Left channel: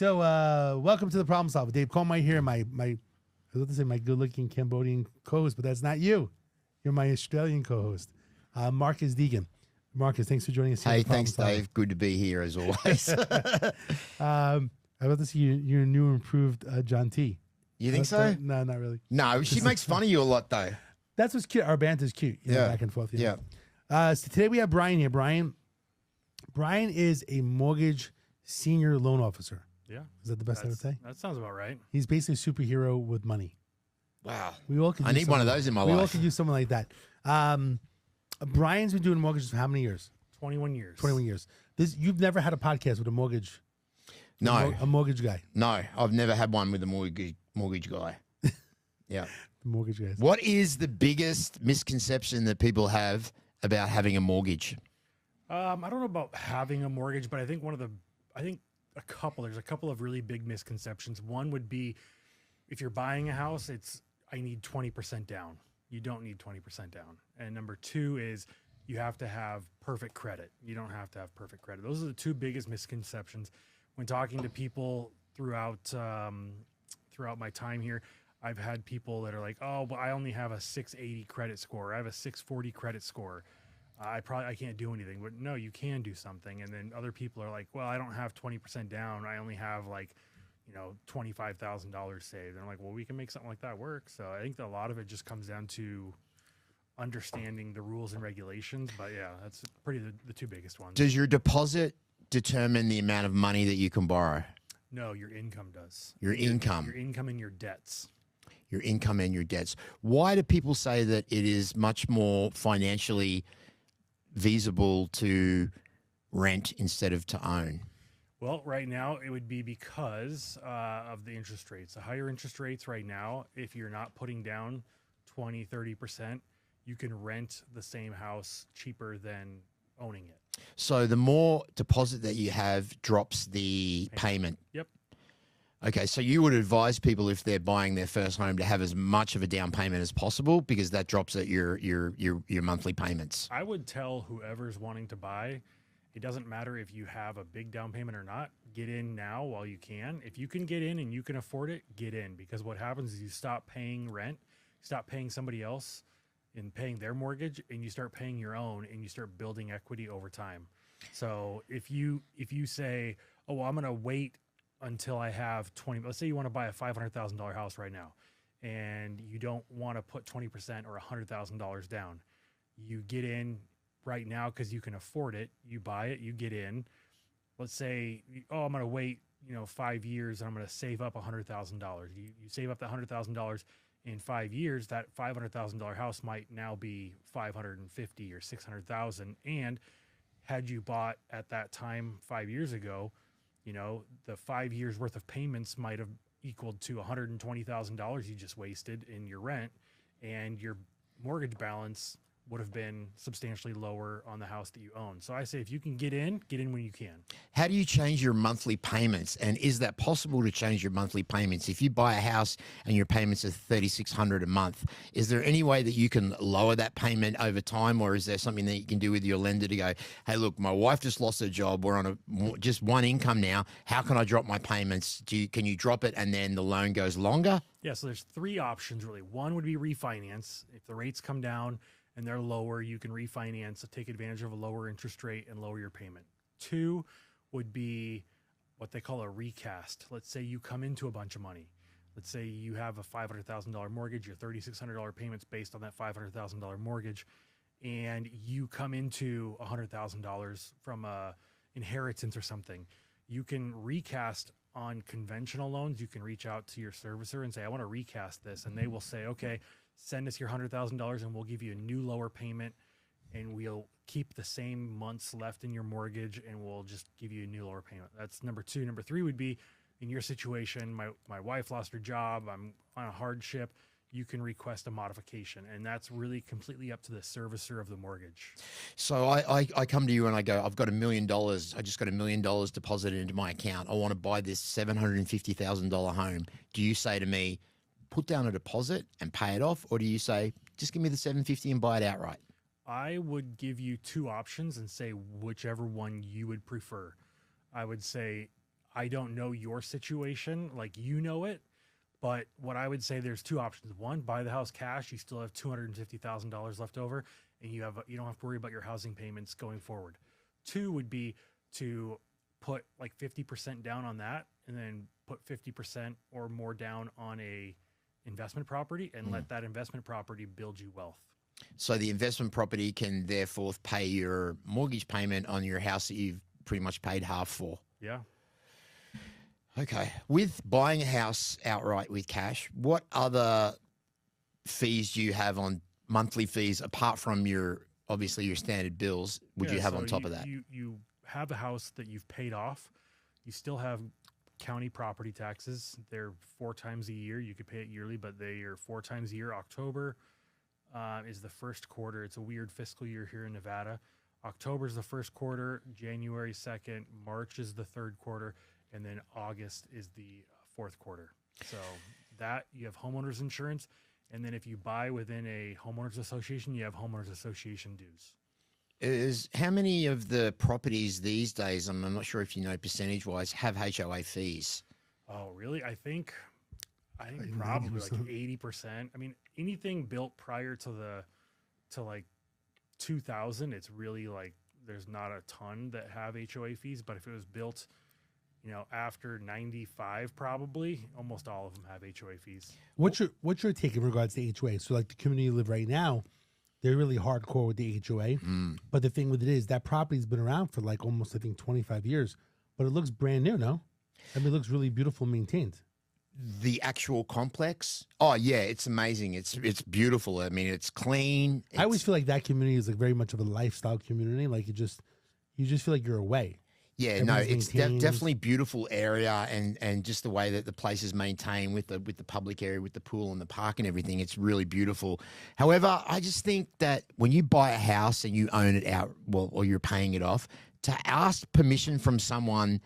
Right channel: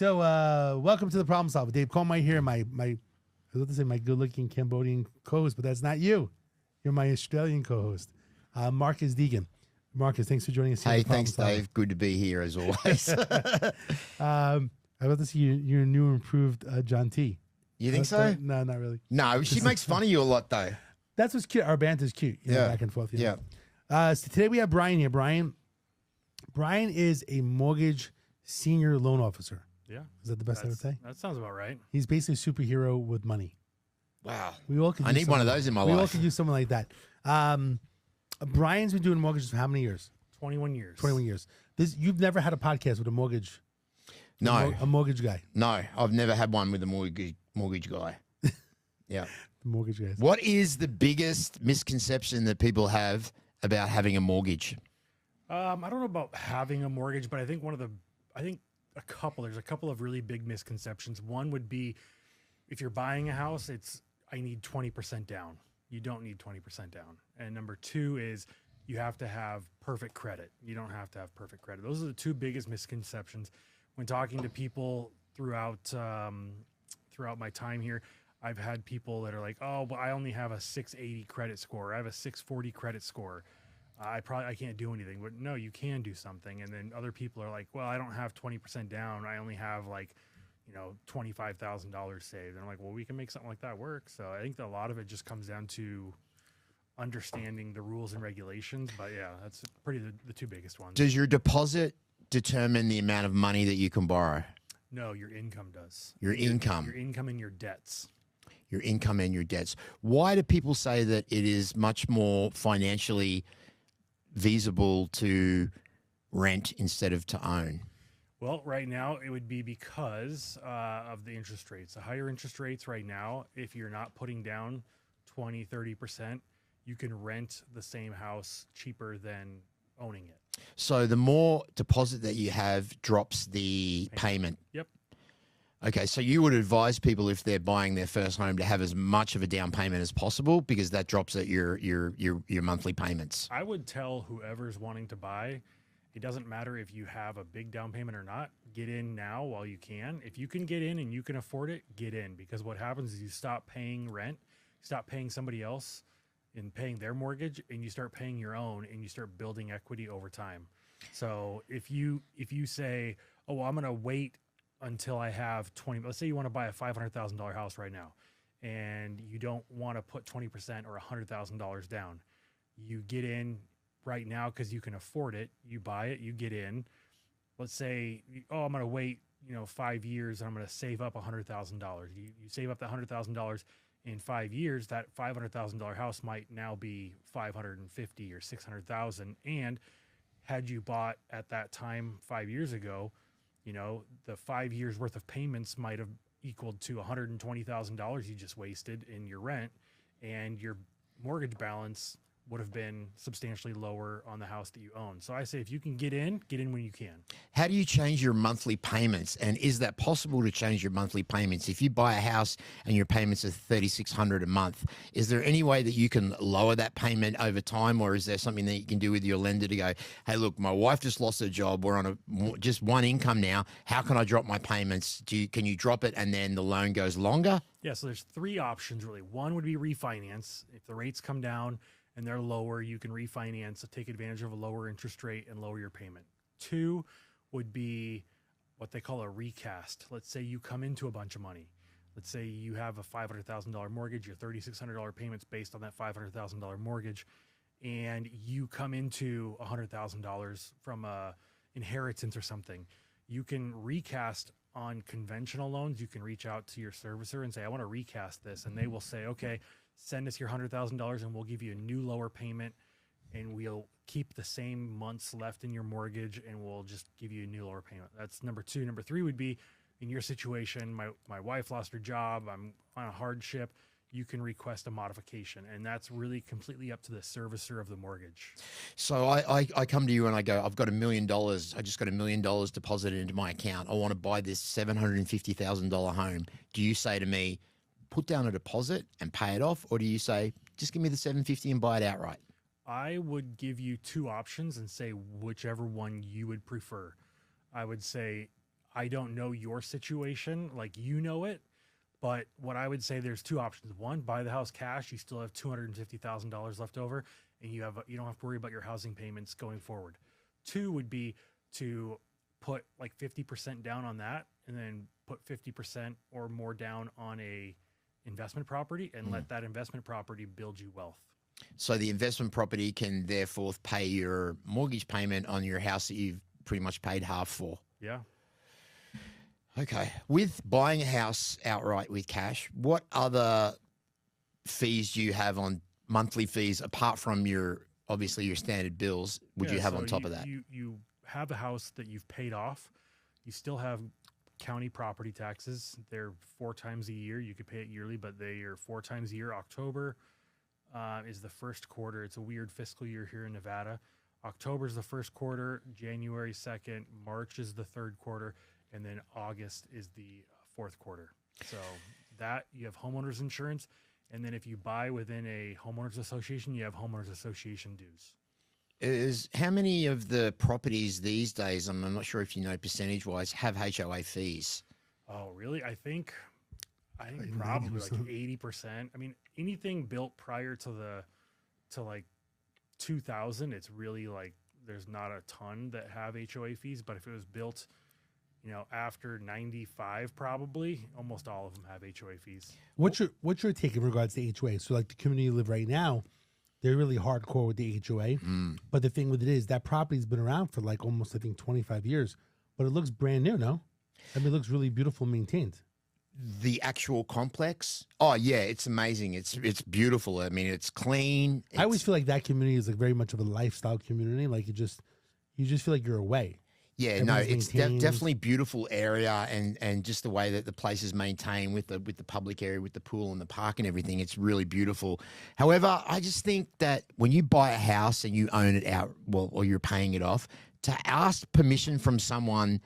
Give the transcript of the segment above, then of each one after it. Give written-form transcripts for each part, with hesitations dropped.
So, welcome to the Problem Solver. Dave Coleman here. I was about to say my good-looking Cambodian co-host, but that's not you. You're my Australian co-host, Marcus Deegan. Marcus, thanks for joining us here. Hey, thanks, Dave. Good to be here as always. I'm about to see your new and improved John T. You think so? No, not really. No, she makes fun of you a lot, though. That's what's cute. Our banter's cute. You know, back and forth. Yeah. So today we have Brian here. Brian is a mortgage senior loan officer. Yeah. Is that the best I would say? That sounds about right. He's basically a superhero with money. Wow. We all could. I need one of those in my life. We all could do something like that. Brian's been doing mortgages for how many years? 21 years. 21 years. You've never had a podcast with a mortgage. No. A mortgage guy. No, I've never had one with a mortgage guy. Yeah. The mortgage guys. What is the biggest misconception that people have about having a mortgage? I don't know about having a mortgage, but I think there's a couple of really big misconceptions. One would be if you're buying a house, I need 20% down. You don't need 20% down. And number two is you have to have perfect credit. You don't have to have perfect credit. Those are the two biggest misconceptions. When talking to people throughout my time here, I've had people that are like, oh, but I only have a 680 credit score. I have a 640 credit score. I can't do anything. But no, you can do something. And then other people are like, well, I don't have 20% down. I only have $25,000 saved. And I'm like, well, we can make something like that work. So I think that a lot of it just comes down to understanding the rules and regulations. But yeah, that's pretty the two biggest ones. Does your deposit determine the amount of money that you can borrow? No, your income does. Your income. Your income and your debts. Your income and your debts. Why do people say that it is much more financially feasible to rent instead of to own? Well, right now it would be because of the interest rates. The higher interest rates right now, if you're not putting down 20, 30%, you can rent the same house cheaper than owning it. So the more deposit that you have drops the payment. Yep. Okay, so you would advise people if they're buying their first home to have as much of a down payment as possible because that drops at your monthly payments. I would tell whoever's wanting to buy, it doesn't matter if you have a big down payment or not. Get in now while you can. If you can get in and you can afford it, get in, because what happens is you stop paying rent, stop paying somebody else and paying their mortgage, and you start paying your own, and you start building equity over time. So if you say, oh, well, I'm going to wait until I have 20, let's say you want to buy a $500,000 house right now, and you don't want to put 20% or $100,000 down. You get in right now because you can afford it. You buy it, you get in. Let's say, oh, I'm going to wait, 5 years, and I'm going to save up $100,000. You save up that $100,000 in 5 years. That $500,000 house might now be $550,000 or $600,000. And had you bought at that time 5 years ago, the 5 years worth of payments might have equaled to $120,000 you just wasted in your rent, and your mortgage balance would have been substantially lower on the house that you own. So I say if you can get in when you can. How do you change your monthly payments? And is that possible to change your monthly payments? If you buy a house and your payments are $3,600 a month, is there any way that you can lower that payment over time, or is there something that you can do with your lender to go, hey, look, my wife just lost her job. We're on just one income now. How can I drop my payments? Can you drop it and then the loan goes longer? Yeah, so there's three options really. One would be refinance. If the rates come down and they're lower, you can refinance, take advantage of a lower interest rate and lower your payment. Two would be what they call a recast. Let's say you come into a bunch of money. Let's say you have a $500,000 mortgage, your $3,600 payments based on that $500,000 mortgage, and you come into $100,000 from a inheritance or something. You can recast on conventional loans. You can reach out to your servicer and say, I want to recast this, and they will say, okay, send us your $100,000 and we'll give you a new lower payment, and we'll keep the same months left in your mortgage, and we'll just give you a new lower payment. That's number two. Number three would be, in your situation, my wife lost her job, I'm on a hardship, you can request a modification, and that's really completely up to the servicer of the mortgage. So I come to you and I go, I've got $1 million. I just got $1 million deposited into my account. I want to buy this $750,000 home. Do you say to me, put down a deposit and pay it off, or do you say, just give me the $750 and buy it outright? I would give you two options and say whichever one you would prefer. I would say I don't know your situation like you know it, but what I would say, there's two options. One, buy the house cash. You still have $250,000 left over, and you don't have to worry about your housing payments going forward. Two would be to put like 50% down on that, and then put 50% or more down on a investment property, and let that investment property build you wealth. So the investment property can therefore pay your mortgage payment on your house that you've pretty much paid half for. Yeah. Okay. With buying a house outright with cash, what other fees do you have on monthly fees apart from obviously your standard bills? Would you have on top of that? You have a house that you've paid off. You still have county property taxes. They're 4 times a year. You could pay it yearly, but they are 4 times a year. October is the first quarter. It's a weird fiscal year here in Nevada. October is the first quarter, January 2nd, March is the third quarter, and then August is the fourth quarter. So that you have homeowners insurance, and then if you buy within a homeowners association, you have homeowners association dues. How many of the properties these days, I'm not sure if you know percentage-wise, have HOA fees? Oh, really? I think probably like 80%. I mean, anything built prior to like 2000, it's really like there's not a ton that have HOA fees, but if it was built, after 95, probably almost all of them have HOA fees. What's your take in regards to HOA? So like the community you live right now, they're really hardcore with the HOA. But the thing with it is that property's been around for like almost, I think, 25 years, but it looks brand new, no? I mean, it looks really beautiful and maintained. The actual complex? Oh yeah, it's amazing. It's beautiful. I mean, it's clean. I always feel like that community is like very much of a lifestyle community. Like you just feel like you're away. Yeah, it's definitely beautiful area, and just the way that the place is maintained with the public area, with the pool and the park and everything, it's really beautiful. However, I just think that when you buy a house and you own it out, or you're paying it off, to ask permission from someone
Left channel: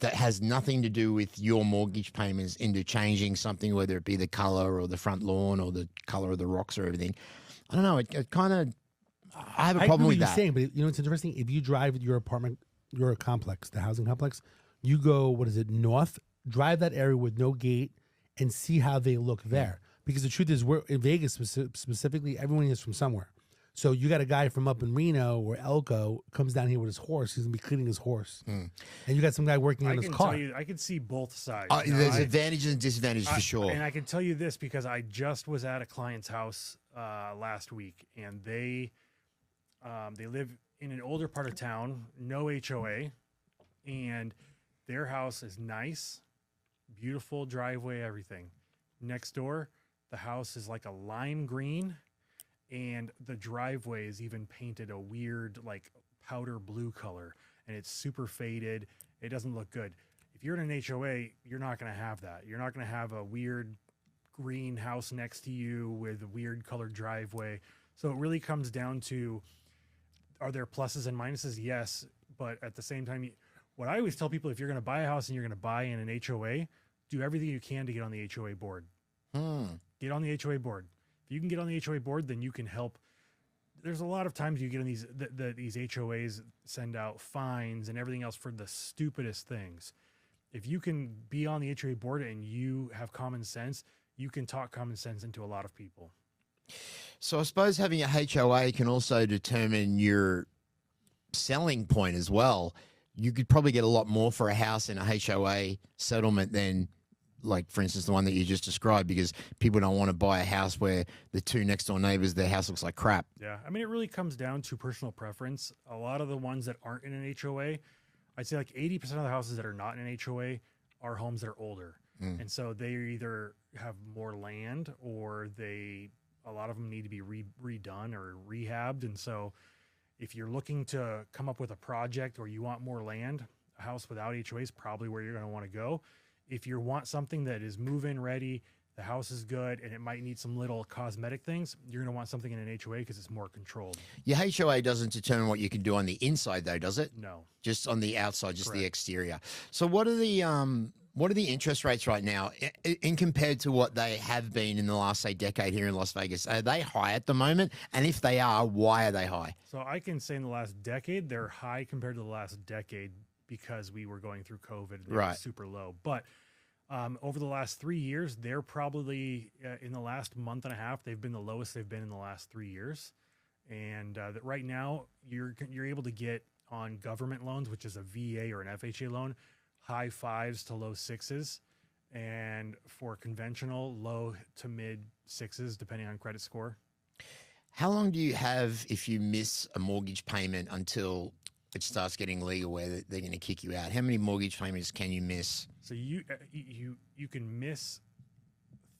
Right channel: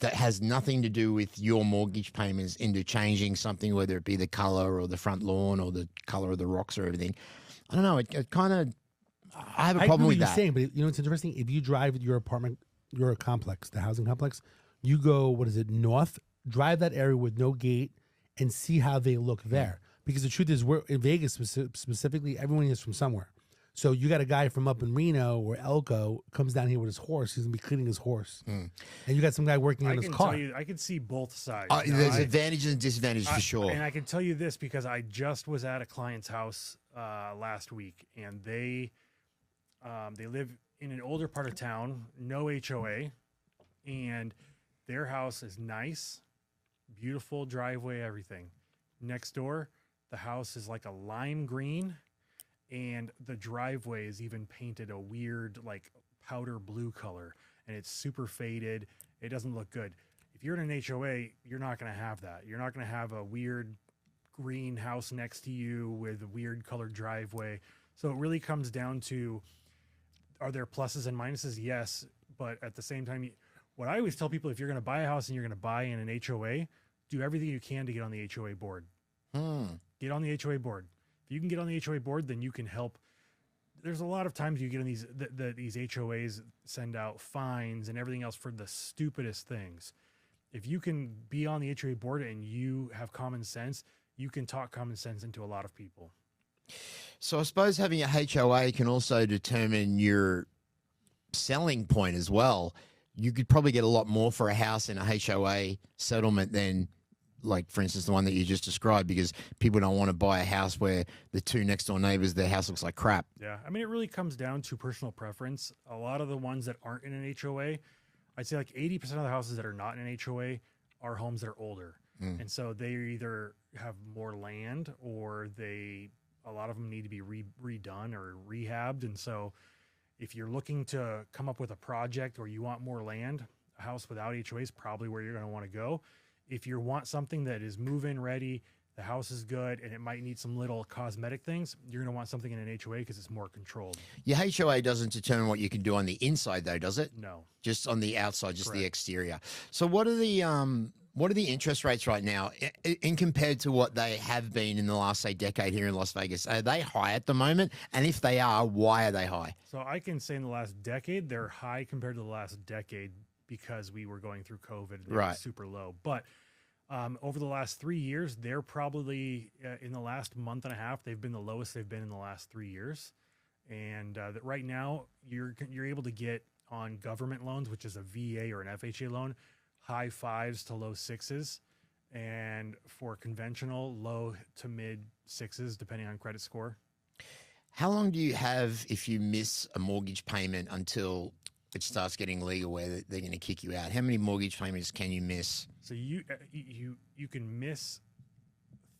that has nothing to do with your mortgage payments into changing something, whether it be the color or the front lawn or the color of the rocks or everything, I don't know. It kind of, I have a problem with that. Saying, but it's interesting. If you drive your apartment, your complex, the housing complex, you go, north, drive that area with no gate and see how they look there. Because the truth is, we're in Vegas specifically, everyone is from somewhere. So you got a guy from up in Reno or Elko comes down here with his horse. He's gonna be cleaning his horse, and you got some guy working on his car. I can see both sides. There's advantages and disadvantages for sure. And I can tell you this because I just was at a client's house last week, and they live in an older part of town, no HOA, and their house is nice, beautiful driveway, everything. Next door, the house is like a lime green. And the driveway is even painted a weird, like, powder blue color, and it's super faded. It doesn't look good. If you're in an HOA, you're not going to have that. You're not going to have a weird green house next to you with a weird colored driveway. So it really comes down to, are there pluses and minuses? Yes, but at the same time, what I always tell people, if you're going to buy a house and you're going to buy in an HOA, do everything you can to get on the HOA board. Get on the HOA board. If you can get on the HOA board, then you can help. There's a lot of times you get on these HOAs send out fines and everything else for the stupidest things. If you can be on the HOA board and you have common sense, you can talk common sense into a lot of people. So I suppose having a HOA can also determine your selling point as well. You could probably get a lot more for a house in a HOA settlement than, like, for instance, the one that you just described, because people don't want to buy a house where the two next door neighbors, their house looks like crap. Yeah. I mean, it really comes down to personal preference. A lot of the ones that aren't in an HOA, I'd say like 80% of the houses that are not in an HOA are homes that are older. And so they either have more land or a lot of them need to be redone or rehabbed. And so if you're looking to come up with a project or you want more land, a house without HOA is probably where you're going to want to go. If you want something that is move-in ready, the house is good, and it might need some little cosmetic things, you're going to want something in an HOA because it's more controlled. Your HOA doesn't determine what you can do on the inside, though, does it? No. Just on the outside, just Correct. the exterior. So what are the interest rates right now in compared to what they have been in the last, say, decade here in Las Vegas? Are they high at the moment? And if they are, why are they high? So I can say in the last decade, they're high compared to the last decade because we were going through COVID and they Right. were super low. But over the last 3 years, they're probably in the last month and a half, they've been the lowest they've been in the last 3 years. And that right now, you're able to get on government loans, which is a VA or an FHA loan, high 5s to low 6s, and for conventional, low to mid 6s, depending on credit score. How long do you have if you miss a mortgage payment until it starts getting legal where they're going to kick you out? How many mortgage payments can you miss? So you can miss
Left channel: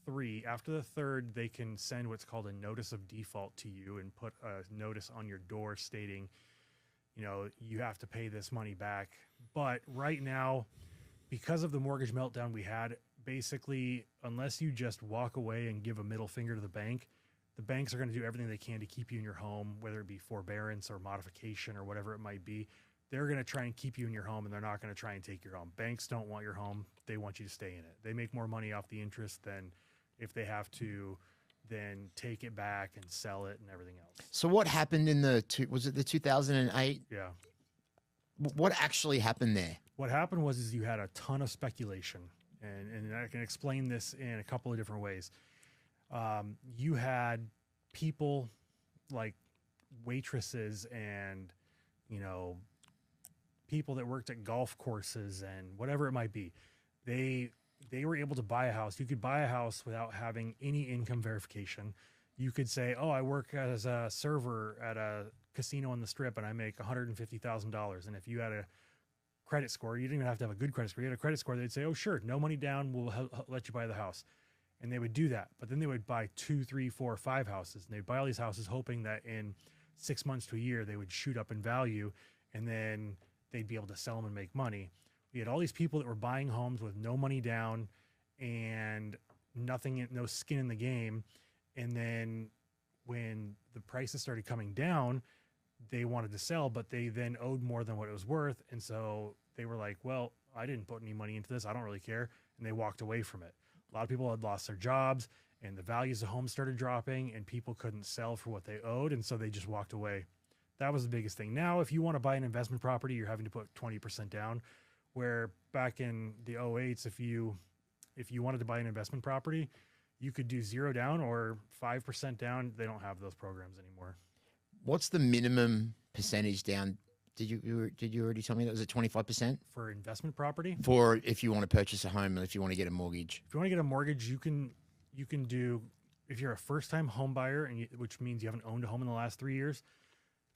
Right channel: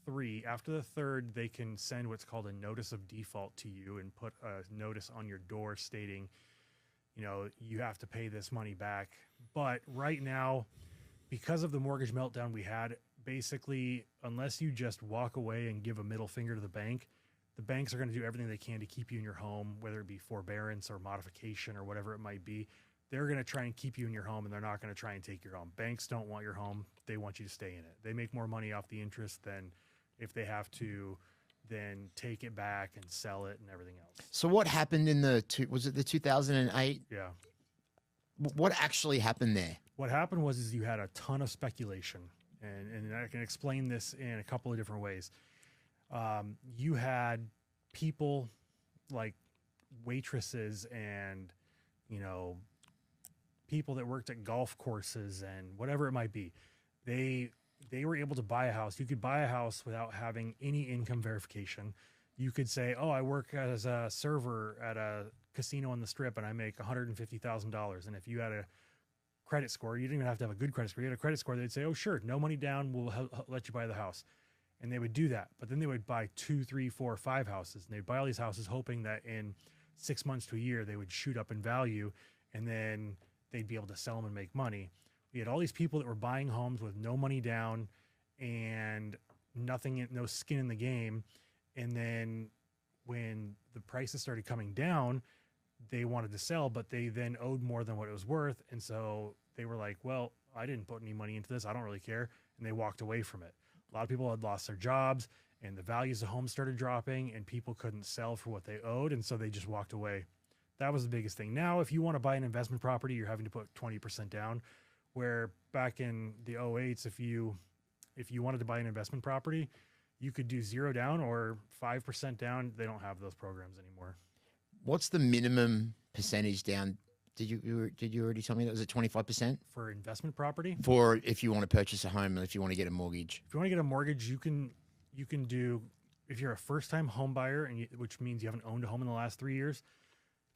3. After the 3rd, they can send what's called a notice of default to you and put a notice on your door stating, you have to pay this money back. But right now, because of the mortgage meltdown we had, basically, unless you just walk away and give a middle finger to the banks are going to do everything they can to keep you in your home, whether it be forbearance or modification or whatever it might be. They're going to try and keep you in your home, and they're not going to try and take your home. Banks don't want your home. They want you to stay in it. They make more money off the interest than if they have to then take it back and sell it and everything else. So what happened in was it the 2008? Yeah. What actually happened there? What happened was you had a ton of speculation, and I can explain this in a couple of different ways. You had people like waitresses and, people that worked at golf courses and whatever it might be. They were able to buy a house. You could buy a house without having any income verification. You could say, I work as a server at a casino on the Strip and I make $150,000. And if you had a credit score, you didn't even have to have a good credit score. You had a credit score, they'd say, sure, no money down, we'll let you buy the house. And they would do that. But then they would buy 2, 3, 4, 5 houses. And they'd buy all these houses hoping that in 6 months to a year, they would shoot up in value. And then they'd be able to sell them and make money. We had all these people that were buying homes with no money down and nothing, no skin in the game. And then when the prices started coming down, they wanted to sell, but they then owed more than what it was worth. And so they were like, well, I didn't put any money into this. I don't really care. And they walked away from it. A lot of people had lost their jobs and the values of homes started dropping and people couldn't sell for what they owed. And so they just walked away. That was the biggest thing. Now, if you want to buy an investment property, you're having to put 20% down, where back in the 08s, if you wanted to buy an investment property, you could do 0 down or 5% down. They don't have those programs anymore. What's the minimum percentage down? Did you already tell me that? Was it 25%? For investment property? For if you want to purchase a home and if you want to get a mortgage? If you want to get a mortgage, you can do, if you're a first-time home buyer, which means you haven't owned a home in the last 3 years,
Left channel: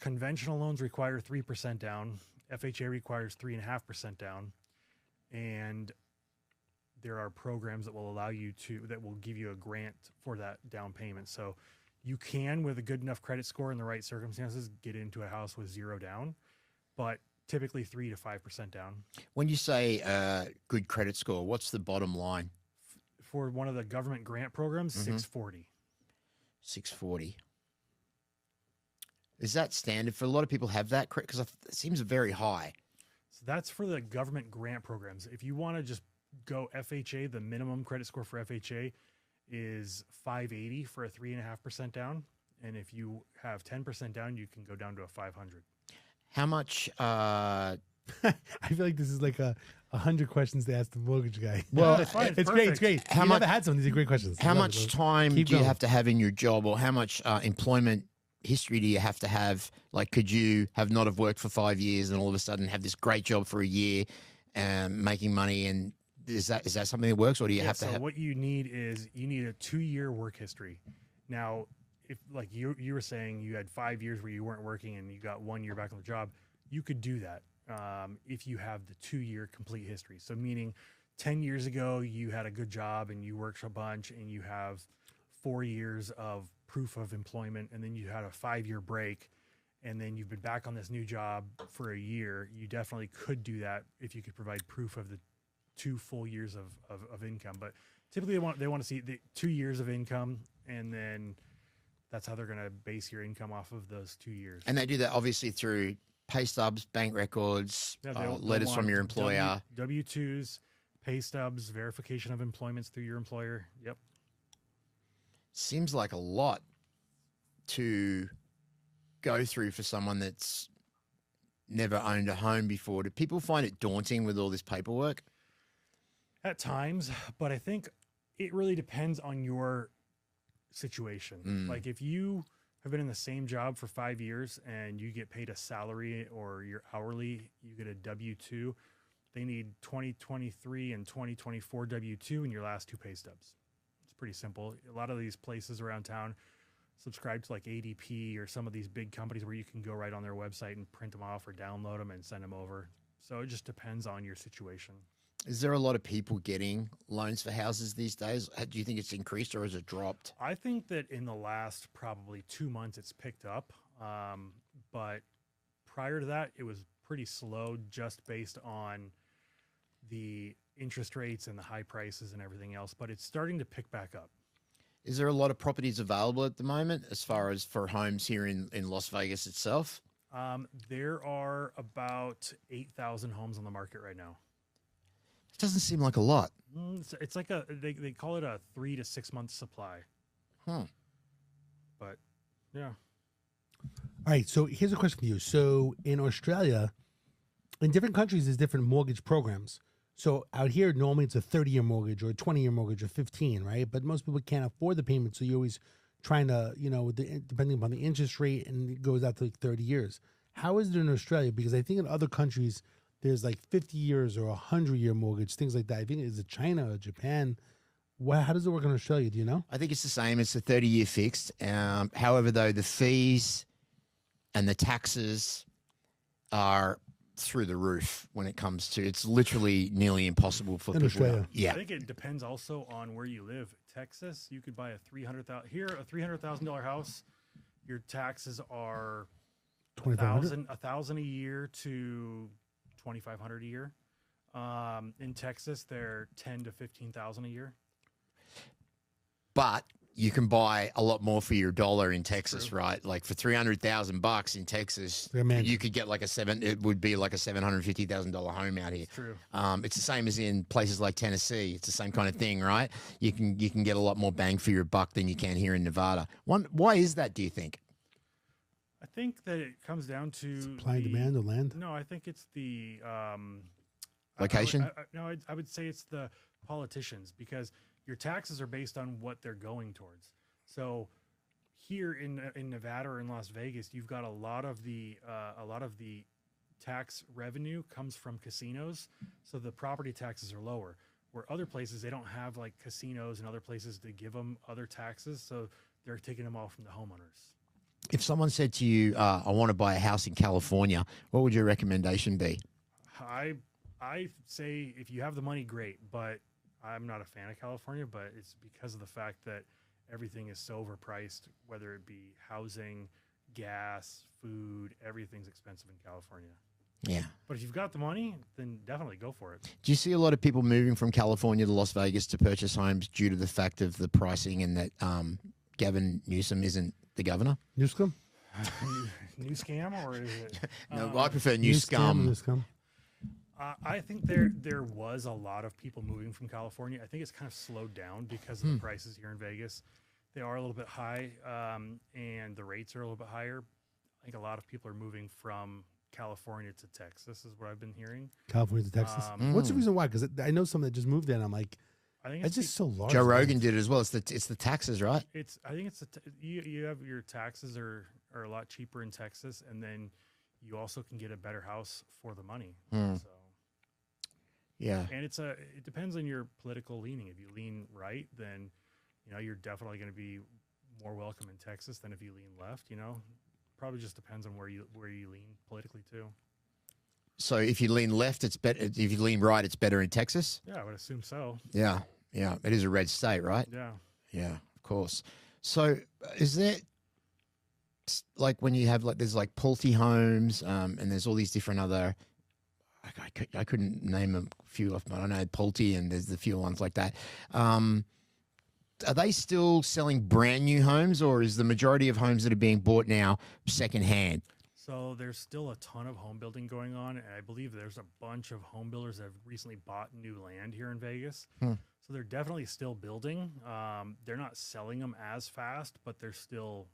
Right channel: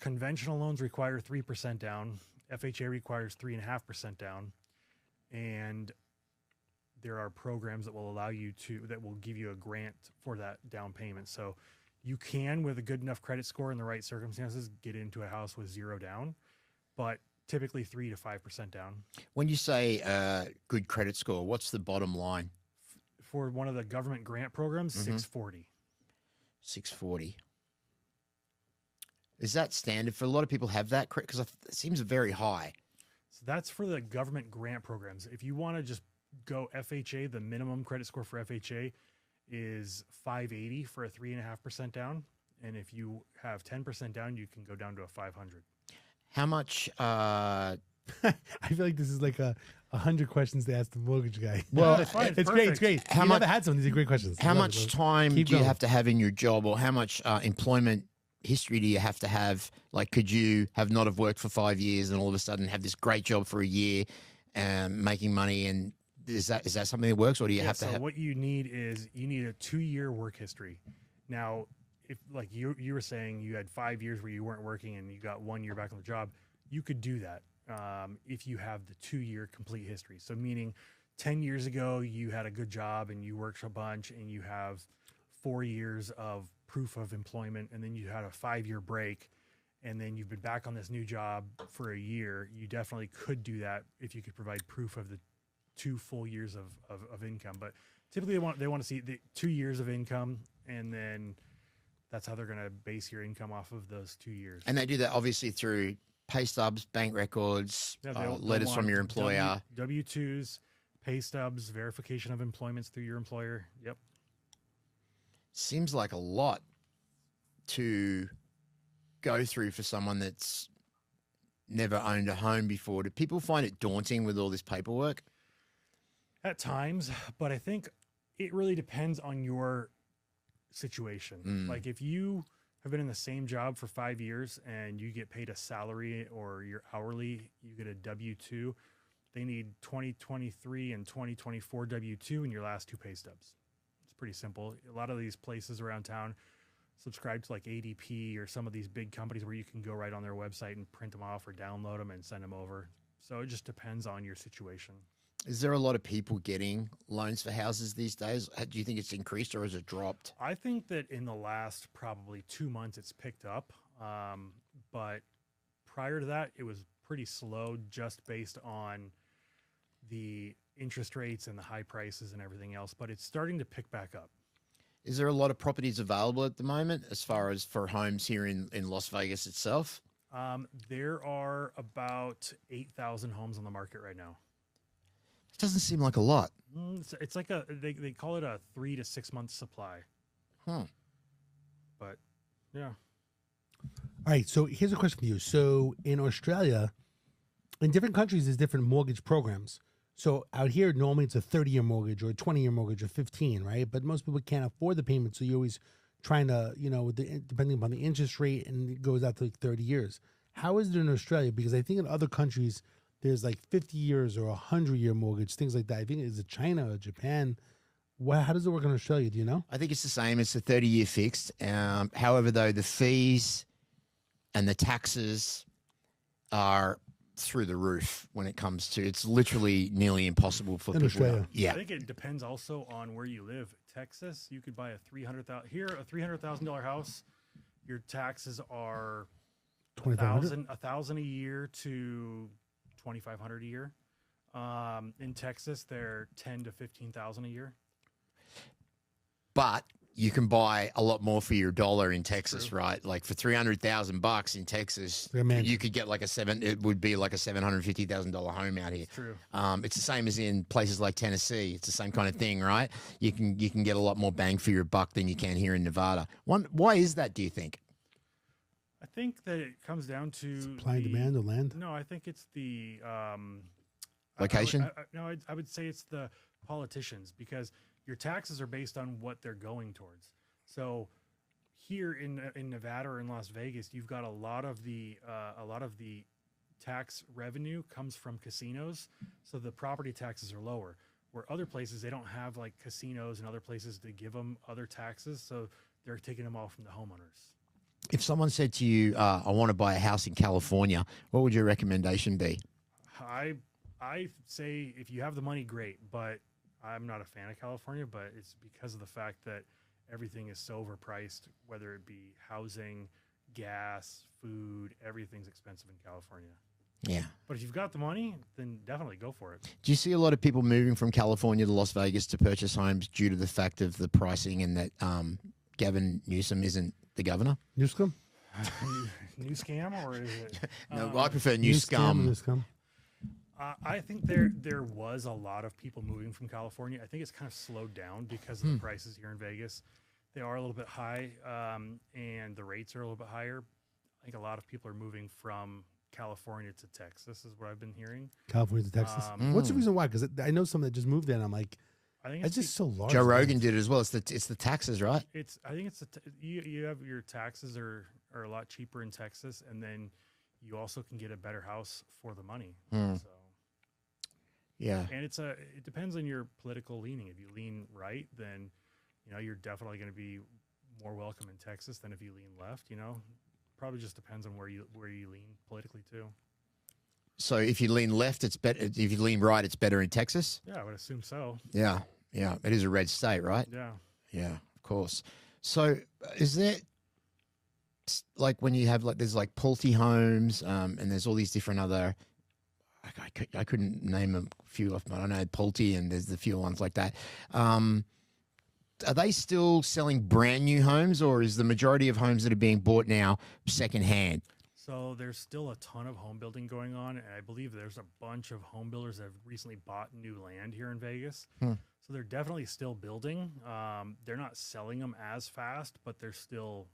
conventional loans require 3% down. FHA requires 3.5% down. And there are programs that will that will give you a grant for that down payment. So you can, with a good enough credit score and the right circumstances, get into a house with 0 down, but typically 3 to 5% down. When you say good credit score, what's the bottom line? For one of the government grant programs, 640. 640. Is that standard for a lot of people have that? Because it seems very high. So that's for the government grant programs. If you want to just go FHA, the minimum credit score for FHA is 580 for a 3.5% down. And if you have 10% down, you can go down to a 500. How much? I feel like this is like 100 questions to ask the mortgage guy. Well, it's fine. It's great. It's great. How You much? never had some of these great questions. How I love much it. time Keep do you going. have to have in your job, or how much employment history do you have to have? Like, could you have not have worked for 5 years and all of a sudden have this great job for a year, making money? And is that something that works, or do you have to have? So what you need is a 2-year work history. Now, if like you were saying you had 5 years where you weren't working and you got 1 year back on the job, you could do that if you have the 2-year complete history. So meaning 10 years ago you had a good job and you worked a bunch and you have 4 years of proof of employment, and then you had a 5-year break, and then you've been back on this new job for a year. You definitely could do that if you could provide proof of the 2 full years of income. But typically they want to see the 2 years of income, and then that's how they're going to base your income off of those 2 years. And they do that obviously through pay stubs, bank records, Yeah, letters from your employer. W-2s, pay stubs, verification of employments through your employer. Yep. Seems like a lot to go through for someone that's never owned a home before, do people find it daunting with all this paperwork? At times, but I think it really depends on your situation. Like if you have been in the same job for 5 years and you get paid a salary or you're hourly, you get a W-2, they need 2023 and 2024 W-2 in your last 2 pay stubs. It's pretty simple. A lot of these places around town subscribe to like ADP or some of these big companies where you can go right on their website and print them off or download them and send them over. So it just depends on your situation. Is there a lot of people getting loans for houses these days? Do you think it's increased or has it dropped? I think that in the last probably 2 months it's picked up. But prior to that, it was pretty slow just based on the interest rates and the high prices and everything else. But it's starting to pick back up. Is there a lot of properties available at the moment as far as for homes here in Las Vegas itself? There are about 8,000 homes on the market right now. It doesn't seem like a lot. It's like they call it a 3 to 6 month supply. But yeah. All right, so here's a question for you. So in Australia, in different countries, there's different mortgage programs. So out here, normally it's a 30-year mortgage or a 20-year mortgage or 15, right? But most people can't afford the payment, so you're always trying to, depending upon the interest rate, and it goes out to like 30 years. How is it in Australia? Because I think in other countries, there's like 50 years or 100-year mortgage, things like that. I think is it China or Japan? How does it work in Australia? Do you know? I think it's the same. It's a 30-year fixed. However, though, the fees and the taxes are through the roof when it comes to, it's literally nearly impossible for In people. Australia. Yeah. I think it depends also on where you live. Texas, you could buy a $300,000 house. Your taxes are $1,000 a year to $2,500 a year. In Texas, they're $10,000 to $15,000 a year. But you can buy a lot more for your dollar in Texas, right? Like for $300,000 in Texas, you could get like it would be like a $750,000 home out here. True. It's the same as in places like Tennessee. It's the same kind of thing, right? You can get a lot more bang for your buck than you can here in Nevada. Why is that, do you think? I think that it comes down to Supply and demand of land? No, I think it's the location. I would say it's the politicians, because your taxes are based on what they're going towards. So here in Nevada or in Las Vegas, you've got a lot of the tax revenue comes from casinos, so the property taxes are lower. Where other places, they don't have like casinos and other places to give them other taxes, so they're taking them all from the homeowners. If someone said to you, I want to buy a house in California, what would your recommendation be? I say if you have the money, great, but I'm not a fan of California, but it's because of the fact that everything is so overpriced, whether it be housing, gas, food, everything's expensive in California. Yeah. But if you've got the money, then definitely go for it. Do you see a lot of people moving from California to Las Vegas to purchase homes due to the fact of the pricing and that Gavin Newsom isn't the governor? Newscom? New scam, or is it? No, I prefer New Scum. I think there was a lot of people moving from California. I think it's kind of slowed down because of the prices here in Vegas. They are a little bit high, and the rates are a little bit higher. I think a lot of people are moving from California to Texas, is what I've been hearing. California to Texas. What's the reason why? Because I know some that just moved there, and I'm like, I think it's just so large. Joe Rogan did it as well. It's the taxes, right? I think it's you have your taxes are a lot cheaper in Texas, and then you also can get a better house for the money. So. Yeah, and it depends on your political leaning. If you lean right, then you're definitely going to be more welcome in Texas than if you lean left. Probably just depends on where you lean politically too. So if you lean left, it's better. If you lean right, it's better in Texas. Yeah, I would assume so. Yeah, it is a red state, right? Yeah, of course. So is there like when you have there's like Pulte homes, and there's all these different other. I couldn't name a few off, but I know Pulte, and there's a few ones like that. Are they still selling brand new homes, or is the majority of homes that are being bought now secondhand? So there's still a ton of home building going on, and I believe there's a bunch of home builders that have recently bought new land here in Vegas. So they're definitely still building. They're not selling them as fast, but they're still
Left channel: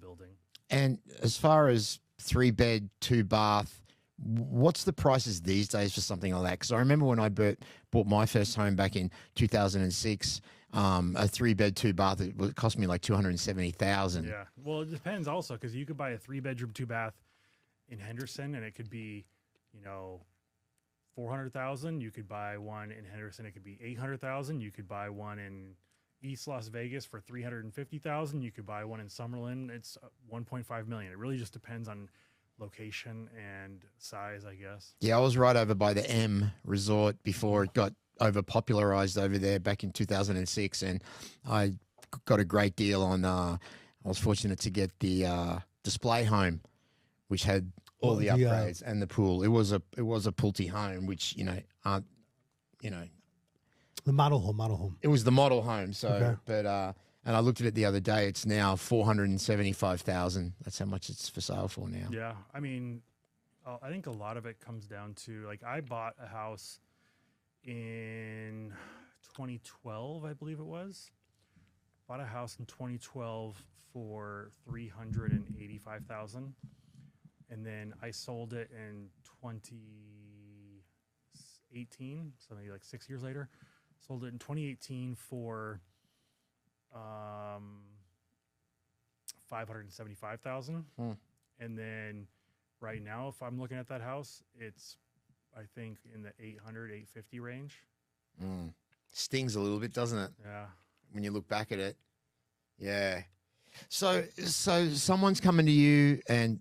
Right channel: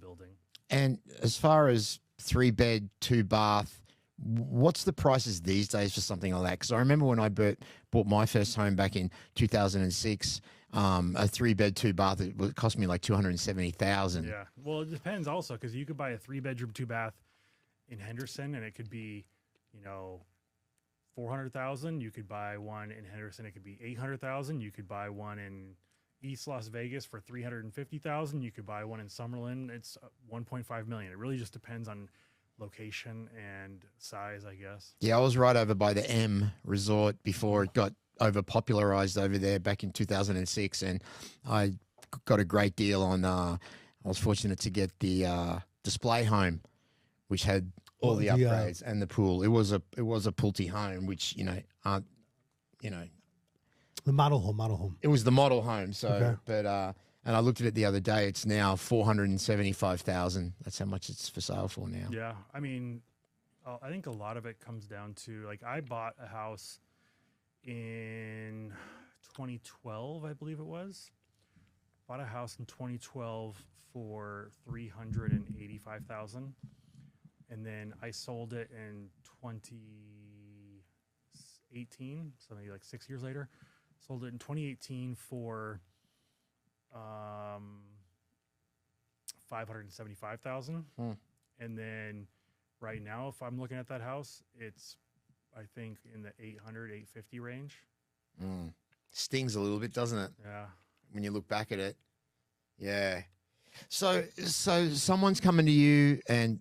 building. And as far as 3-bed, 2-bath, What's the prices these days for something like that? Because I remember when I bought my first home back in 2006, a 3-bed, 2-bath, it cost me like 270,000. Yeah. Well, it depends also, because you could buy a 3-bedroom, 2-bath in Henderson, and it could be, 400,000. You could buy one in Henderson, it could be 800,000. You could buy one in East Las Vegas for 350,000. You could buy one in Summerlin. It's 1.5 million. It really just depends on location and size, I guess. Yeah, I was right over by the M Resort before it got overpopularized over there back in 2006, and I got a great deal on. I was fortunate to get the display home, which had all the upgrades and the pool. It was a Pulte home, which aren't The model home. It was the model home. So, Okay. but and I looked at it the other day. It's now 475,000. That's how much it's for sale for now. Yeah. I mean, I think a lot of it comes down to, like, I bought a house in 2012, I believe it was. Bought a house in 2012 for 385,000, and then I sold it in 2018, so maybe like 6 years later. Sold it in 2018 for 575,000, and then right now, if I'm looking at that house, it's, I think, in the 850 range. Stings a little bit, doesn't it? Yeah. When you look back at it. Yeah. So someone's coming to you, and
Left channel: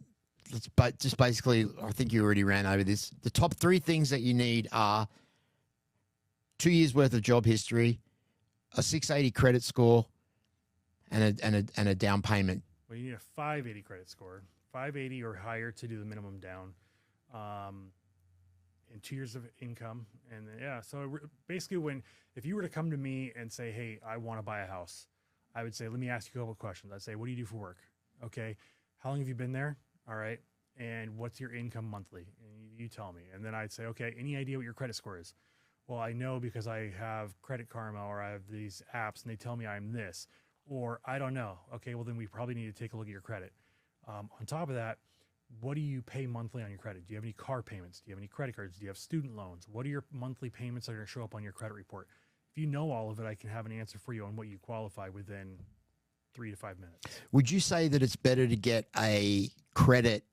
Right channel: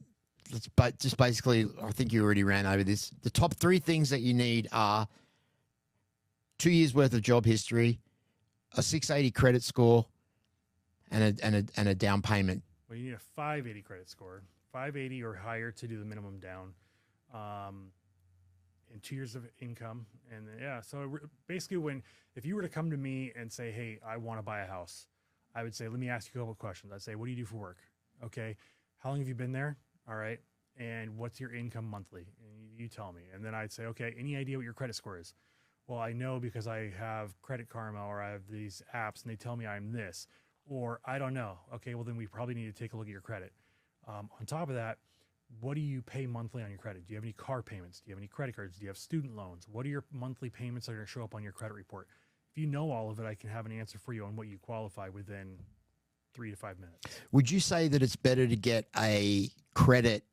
but just basically, I think you already ran over this. The top 3 things that you need are 2 years worth of job history, a 680 credit score, and a down payment. Well, you need a 580 credit score, 580 or higher to do the minimum down, and 2 years of income. And so basically, if you were to come to me and say, hey, I want to buy a house, I would say, let me ask you a couple of questions. I'd say, what do you do for work? Okay. How long have you been there? All right. And what's your income monthly? And you tell me. And then I'd say, okay, any idea what your credit score is? Well, I know because I have Credit Karma, or I have these apps and they tell me I'm this, or I don't know. Okay, well then we probably need to take a look at your credit. On top of that, what do you pay monthly on your credit? Do you have any car payments? Do you have any credit cards? Do you have student loans? What are your monthly payments that are going to show up on your credit report? If you know all of it, I can have an answer for you on what you qualify within 3 to 5 minutes. Would you say that it's better to get a credit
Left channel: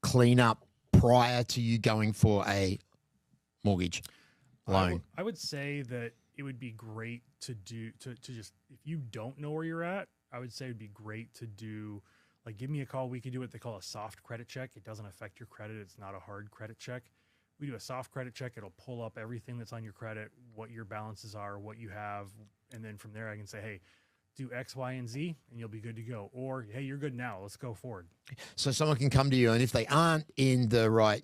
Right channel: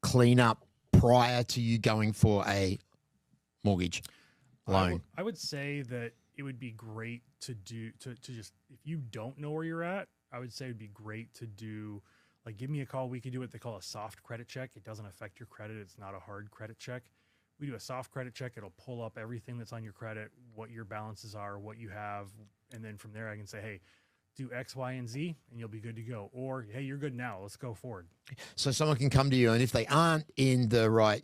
cleanup prior to you going for a mortgage loan? I would say that it would be great to just, if you don't know where you're at, I would say it'd be great to do, like, give me a call. We can do what they call a soft credit check. It doesn't affect your credit. It's not a hard credit check. We do a soft credit check. It'll pull up everything that's on your credit, what your balances are, what you have. And then from there, I can say, hey, do X, Y, and Z, and you'll be good to go. Or, hey, you're good now. Let's go forward. So someone can come to you, and if they aren't in the right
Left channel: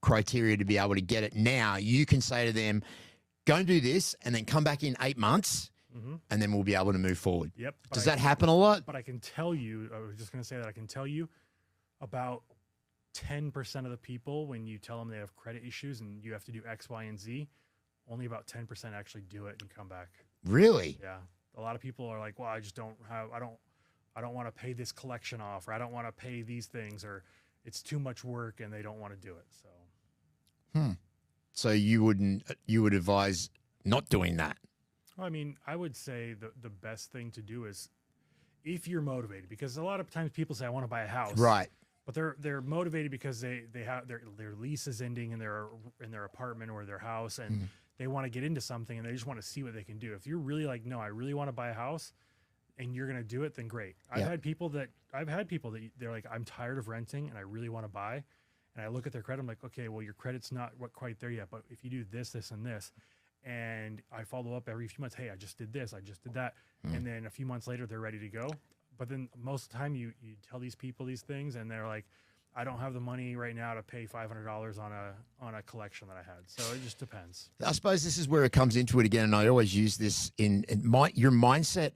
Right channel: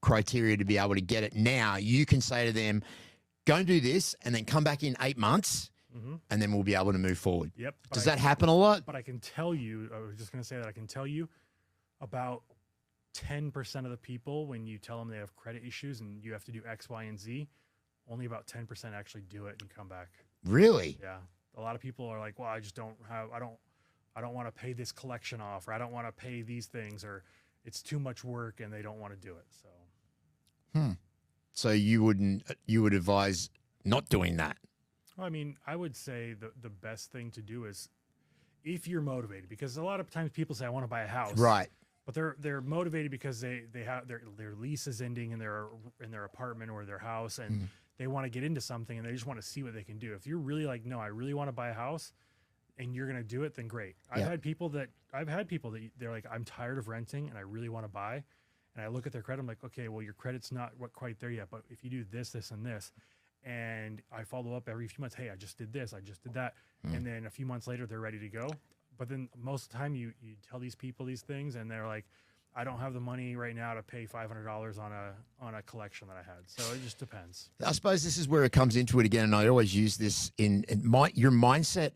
criteria to be able to get it now, you can say to them, go and do this, and then come back in 8 months, and then we'll be able to move forward. Yep. Does that happen a lot? But I can tell you, I was just going to say that I can tell you about 10% of the people, when you tell them they have credit issues and you have to do X, Y, and Z, only about 10% actually do it and come back. Really? Yeah. A lot of people are like, well, I don't want to pay this collection off, or I don't want to pay these things, or it's too much work and they don't want to do it. So. So you would advise not doing that? Well, I mean, I would say the best thing to do is, if you're motivated, because a lot of times people say, I want to buy a house. Right. But they're motivated because they have their lease is ending in their apartment or their house, and they want to get into something, and they just want to see what they can do. If you're really like, no, I really want to buy a house, and you're going to do it, then great. I've had people that they're like, I'm tired of renting and I really want to buy. And I look at their credit, I'm like, okay, well, your credit's not quite there yet, but if you do this, this, and this, and I follow up every few months, hey, I just did this, I just did that, and then a few months later, they're ready to go. But then most of the time, you tell these people these things, and they're like, I don't have the money right now to pay $500 on a collection that I had. So it just depends. I suppose this is where it comes into it again, and I always use this your mindset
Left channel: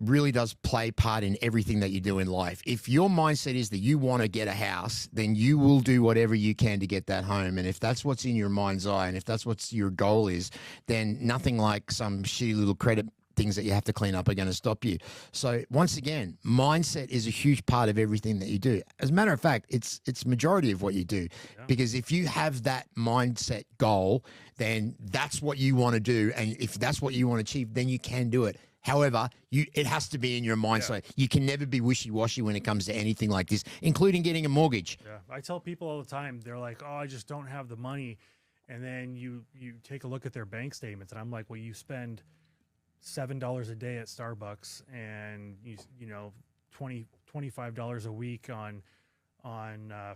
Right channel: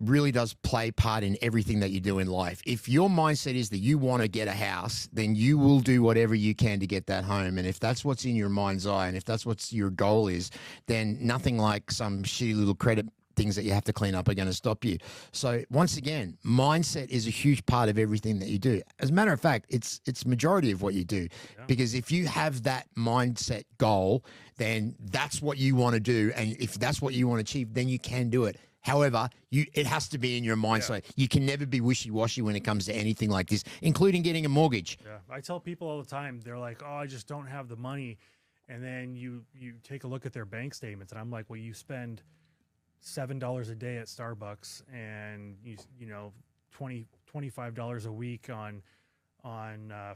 really does play part in everything that you do in life. If your mindset is that you want to get a house, then you will do whatever you can to get that home. And if that's what's in your mind's eye, and if that's what your goal is, then nothing like some shitty little credit things that you have to clean up are going to stop you. So once again, mindset is a huge part of everything that you do. As a matter of fact, it's majority of what you do, because if you have that mindset goal, then that's what you want to do. And if that's what you want to achieve, then you can do it. However, it has to be in your mindset. You can never be wishy-washy when it comes to anything like this, including getting a mortgage. Yeah, I tell people all the time, they're like, oh, I just don't have the money. And then you take a look at their bank statements, and I'm like, well, you spend $7 a day at Starbucks, and you know $25 a week on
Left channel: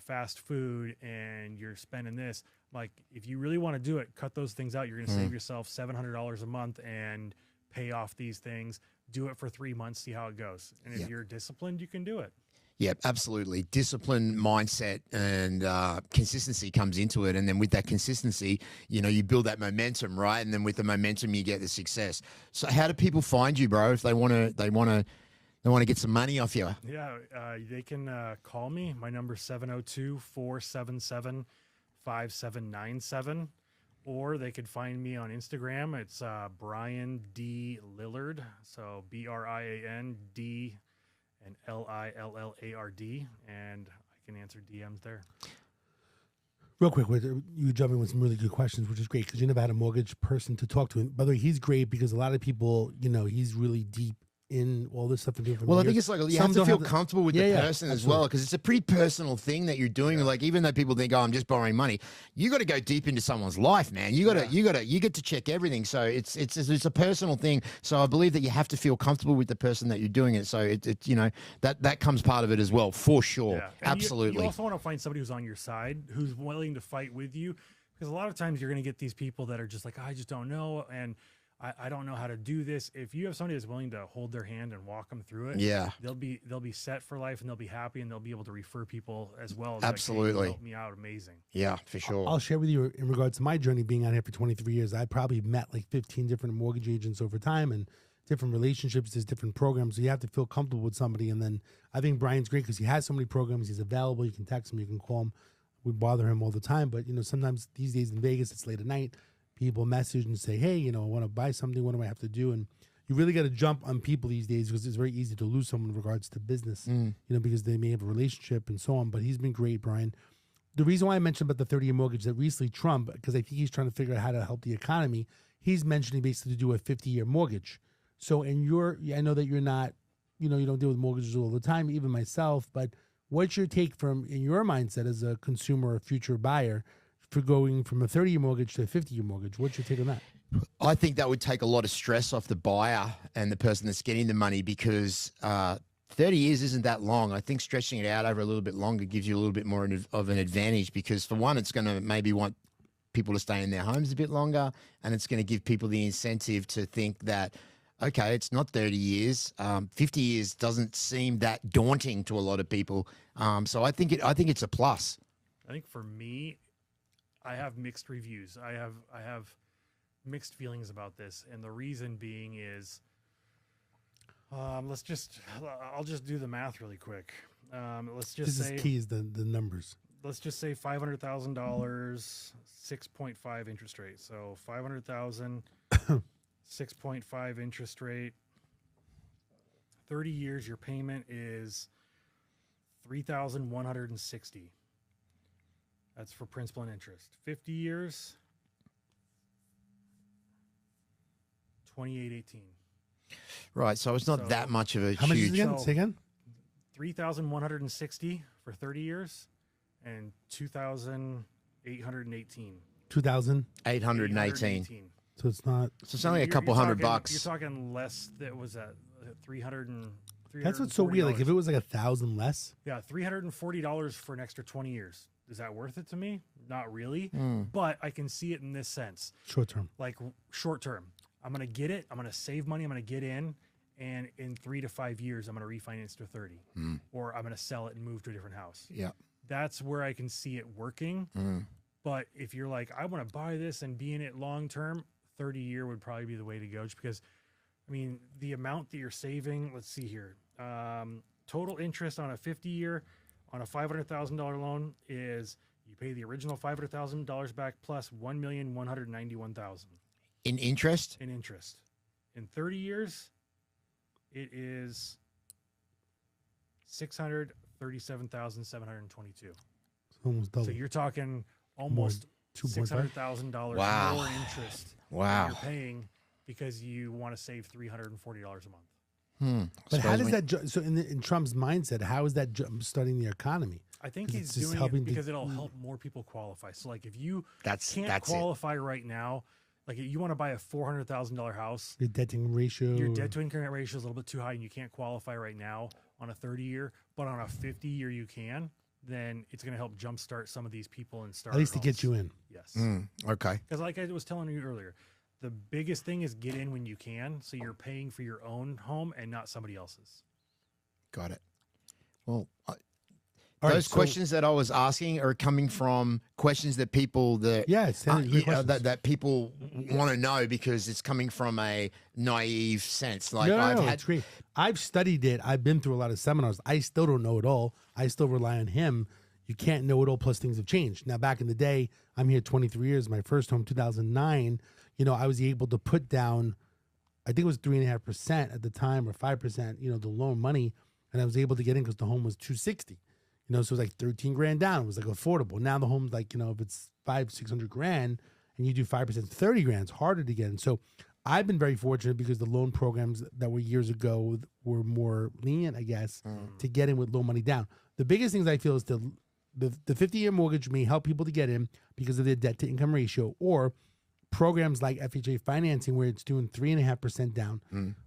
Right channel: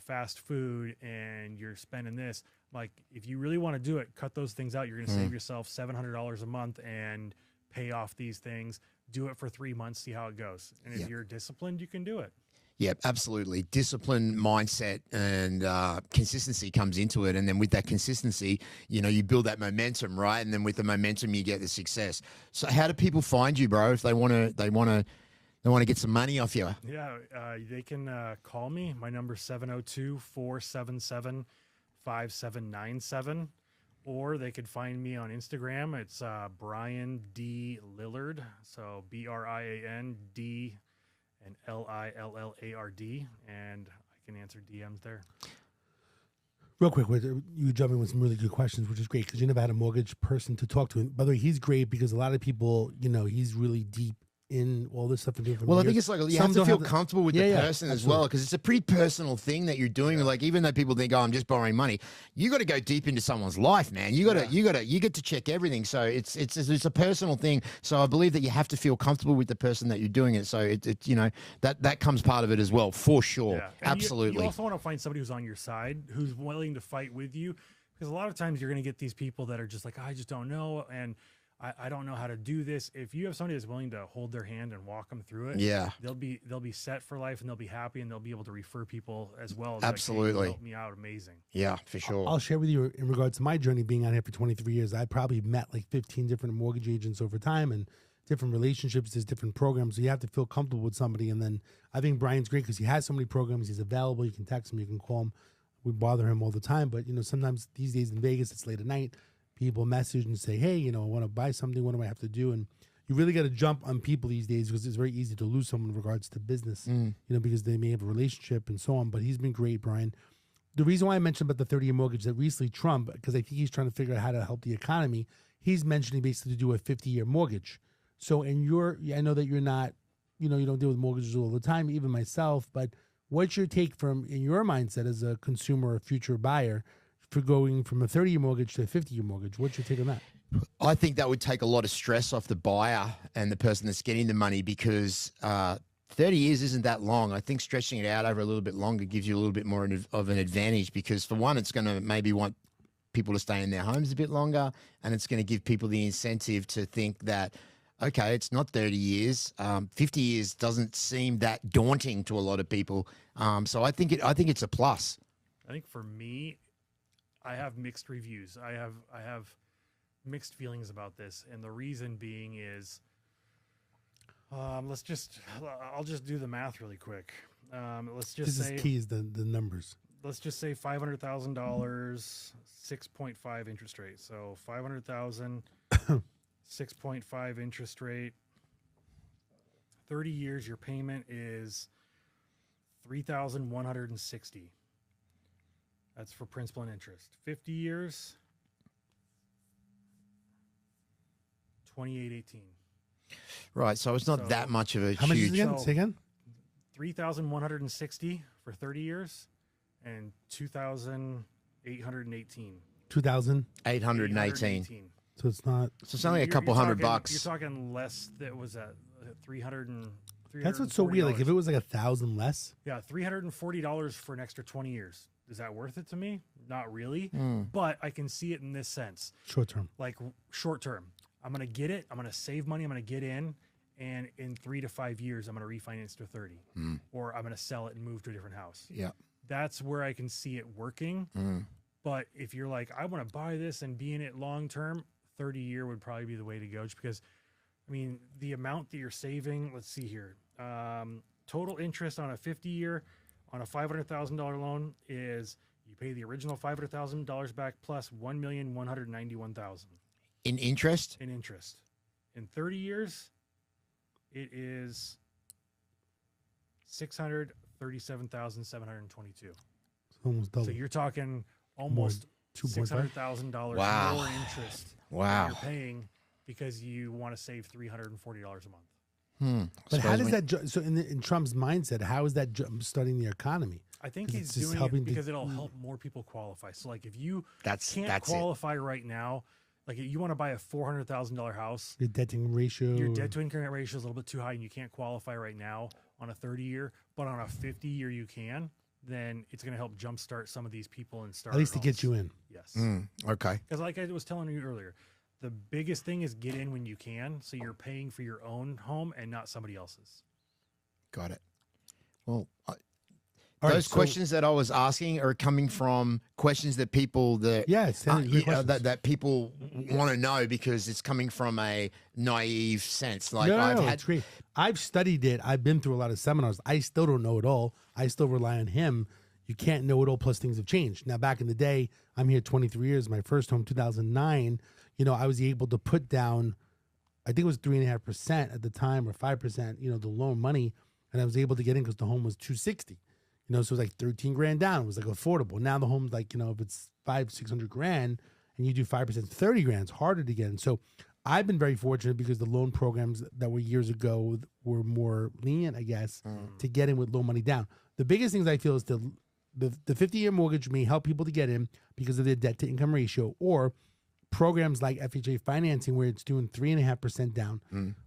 fast food, and you're spending this. Like, if you really want to do it, cut those things out. You're going to save yourself $700 a month and pay off these things. Do it for 3 months, see how it goes. And if you're disciplined, you can do it. Yeah, absolutely. Discipline, mindset, and consistency comes into it. And then with that consistency, you know, you build that momentum, right? And then with the momentum, you get the success. So how do people find you, bro, if they want to get some money off you? Yeah, they can call me. My number is 702-477-5797. Or they could find me on Instagram. It's Brian D. Lillard. So BRIAN-D and LILLARD, and I can answer DMs there. Real quick, you jump in with some really good questions, which is great because you never had a mortgage person to talk to. By the way, he's great because a lot of people, you know, he's really deep in all this stuff. Well, I think it's like you have to feel comfortable with the person as well, because it's a pretty personal thing that you're doing. Like, even though people think, "Oh, I'm just borrowing money," you got to go deep into someone's life, man. You get to check everything. So it's a personal thing. So I believe that you have to feel comfortable with the person that you're doing it. So it you know, that comes part of it as well, for sure. Yeah. Absolutely. You also want to find somebody who's on your side, who's willing to fight with you, because a lot of times you're going to get these people that are just like, "I just don't know," and I don't know how to do this. If you have somebody that's willing to hold their hand and walk them through it, they'll be set for life, and they'll be happy, and they'll be able to refer people as well. Absolutely. Help me out. Amazing. Yeah, for sure. I'll share with you in regards to my journey being on here for 23 years. I probably met like 15 different mortgage agents over time, and different relationships. There's different programs. So you have to feel comfortable with somebody. And then I think Brian's great because he has so many programs. He's available. You can text him. You can call him. We bother him all the time. But, you know, sometimes these days in Vegas, it's late at night. People message and say, hey, you know, I want to buy something. What do I have to do? And you really got to jump on people these days because it's very easy to lose someone in regards to business, you know, because they may have a relationship and so on. But he's been great, Brian. The reason why I mentioned about the 30-year mortgage that recently Trump, because I think he's trying to figure out how to help the economy, he's mentioning basically to do a 50-year mortgage. So I know that you're not, you know, you don't deal with mortgages all the time, even myself, but what's your take from, in your mindset as a consumer or future buyer, for going from a 30-year mortgage to a 50-year mortgage? What's your take on that? I think that would take a lot of stress off the buyer and the person that's getting the money, because 30 years isn't that long. I think stretching it out over a little bit longer gives you a little bit more of an advantage, because for one, it's going to maybe want people to stay in their homes a bit longer, and it's going to give people the incentive to think that, okay, it's not 30 years. 50 years doesn't seem that daunting to a lot of people. So I think it's a plus. I think for me, I have mixed reviews. I have mixed feelings about this, and the reason being is, I'll just do the math really quick. Let's just say, this is key is the numbers. Let's just say $500,000, 6.5 interest rate. So 500,000, 6.5 interest rate. 30 years, your payment is $3,160. That's for principal and interest. 50 years, $2,818. Right, so it's not that much of a How much is it huge. again? Say again? $3,160 for 30 years, and $2,818. 2,818. So it's not. So it's only a couple $100 bucks. You're talking less. That was at 300. That's what's so weird. Like if it was like 1,000 less. Yeah, $340 for an extra 20 years. Is that worth it to me? Not really. But I can see it in this sense. Short term. Like short term. I'm going to get it. I'm going to save money. I'm going to get in. And in 3 to 5 years, I'm going to refinance to 30. Or I'm going to sell it and move to a different house. Yeah. That's where I can see it working. But if you're like, I want to buy this and be in it long term, 30-year would probably be the way to go. Just because, I mean, the amount that you're saving, let's see here. Total interest on a 50-year on a $500,000 loan is you pay the original $500,000 back plus $1,191,000 in interest. In interest, In 30 years, it is $637,722. Almost double. So you're talking almost $2.5. $600,000 Wow. more interest Wow. that you're paying because you want to save $340 a month. But how does that? So in Trump's mindset, how is that starting the economy? I think 'Cause he's it's just doing helping it the- because it'll help more people qualify. So like if you That's can't it. qualify right now, like if you want to buy a $400,000 house, Your debt to ratio. your debt to income ratio is a little bit too high and you can't qualify right now on a 30-year, but on a 50-year you can, then it's going to help jumpstart some of these people and start at least to get you in. Yes. Okay. Because like I was telling you earlier, the biggest thing is get in when you can, so you're paying for your own home and not somebody else's. Got it. Well, All right, those so- questions that I was asking are coming from questions that people that great questions. that people want to know because it's coming from a naive sense. Like no, I've it's great. I've studied it. I've been through a lot of seminars. I still don't know it all. I still rely on him. You can't know it all. Plus, things have changed. Now, back in the day, I'm here 23 years. My first home, 2009. I was able to put down, I think it was 3.5% at the time, or 5%. The loan money, and I was able to get in because the home was 260. So it was like 13 grand down. It was like affordable. Now the home's like, if it's 500-600 grand and you do 5%, 30 grand, it's harder to get in. So I've been very fortunate because the loan programs that were years ago were more lenient, I guess, to get in with low money down. The biggest things I feel is the 50-year mortgage may help people to get in because of their debt to income ratio, or programs like FHA financing where it's doing 3.5% down.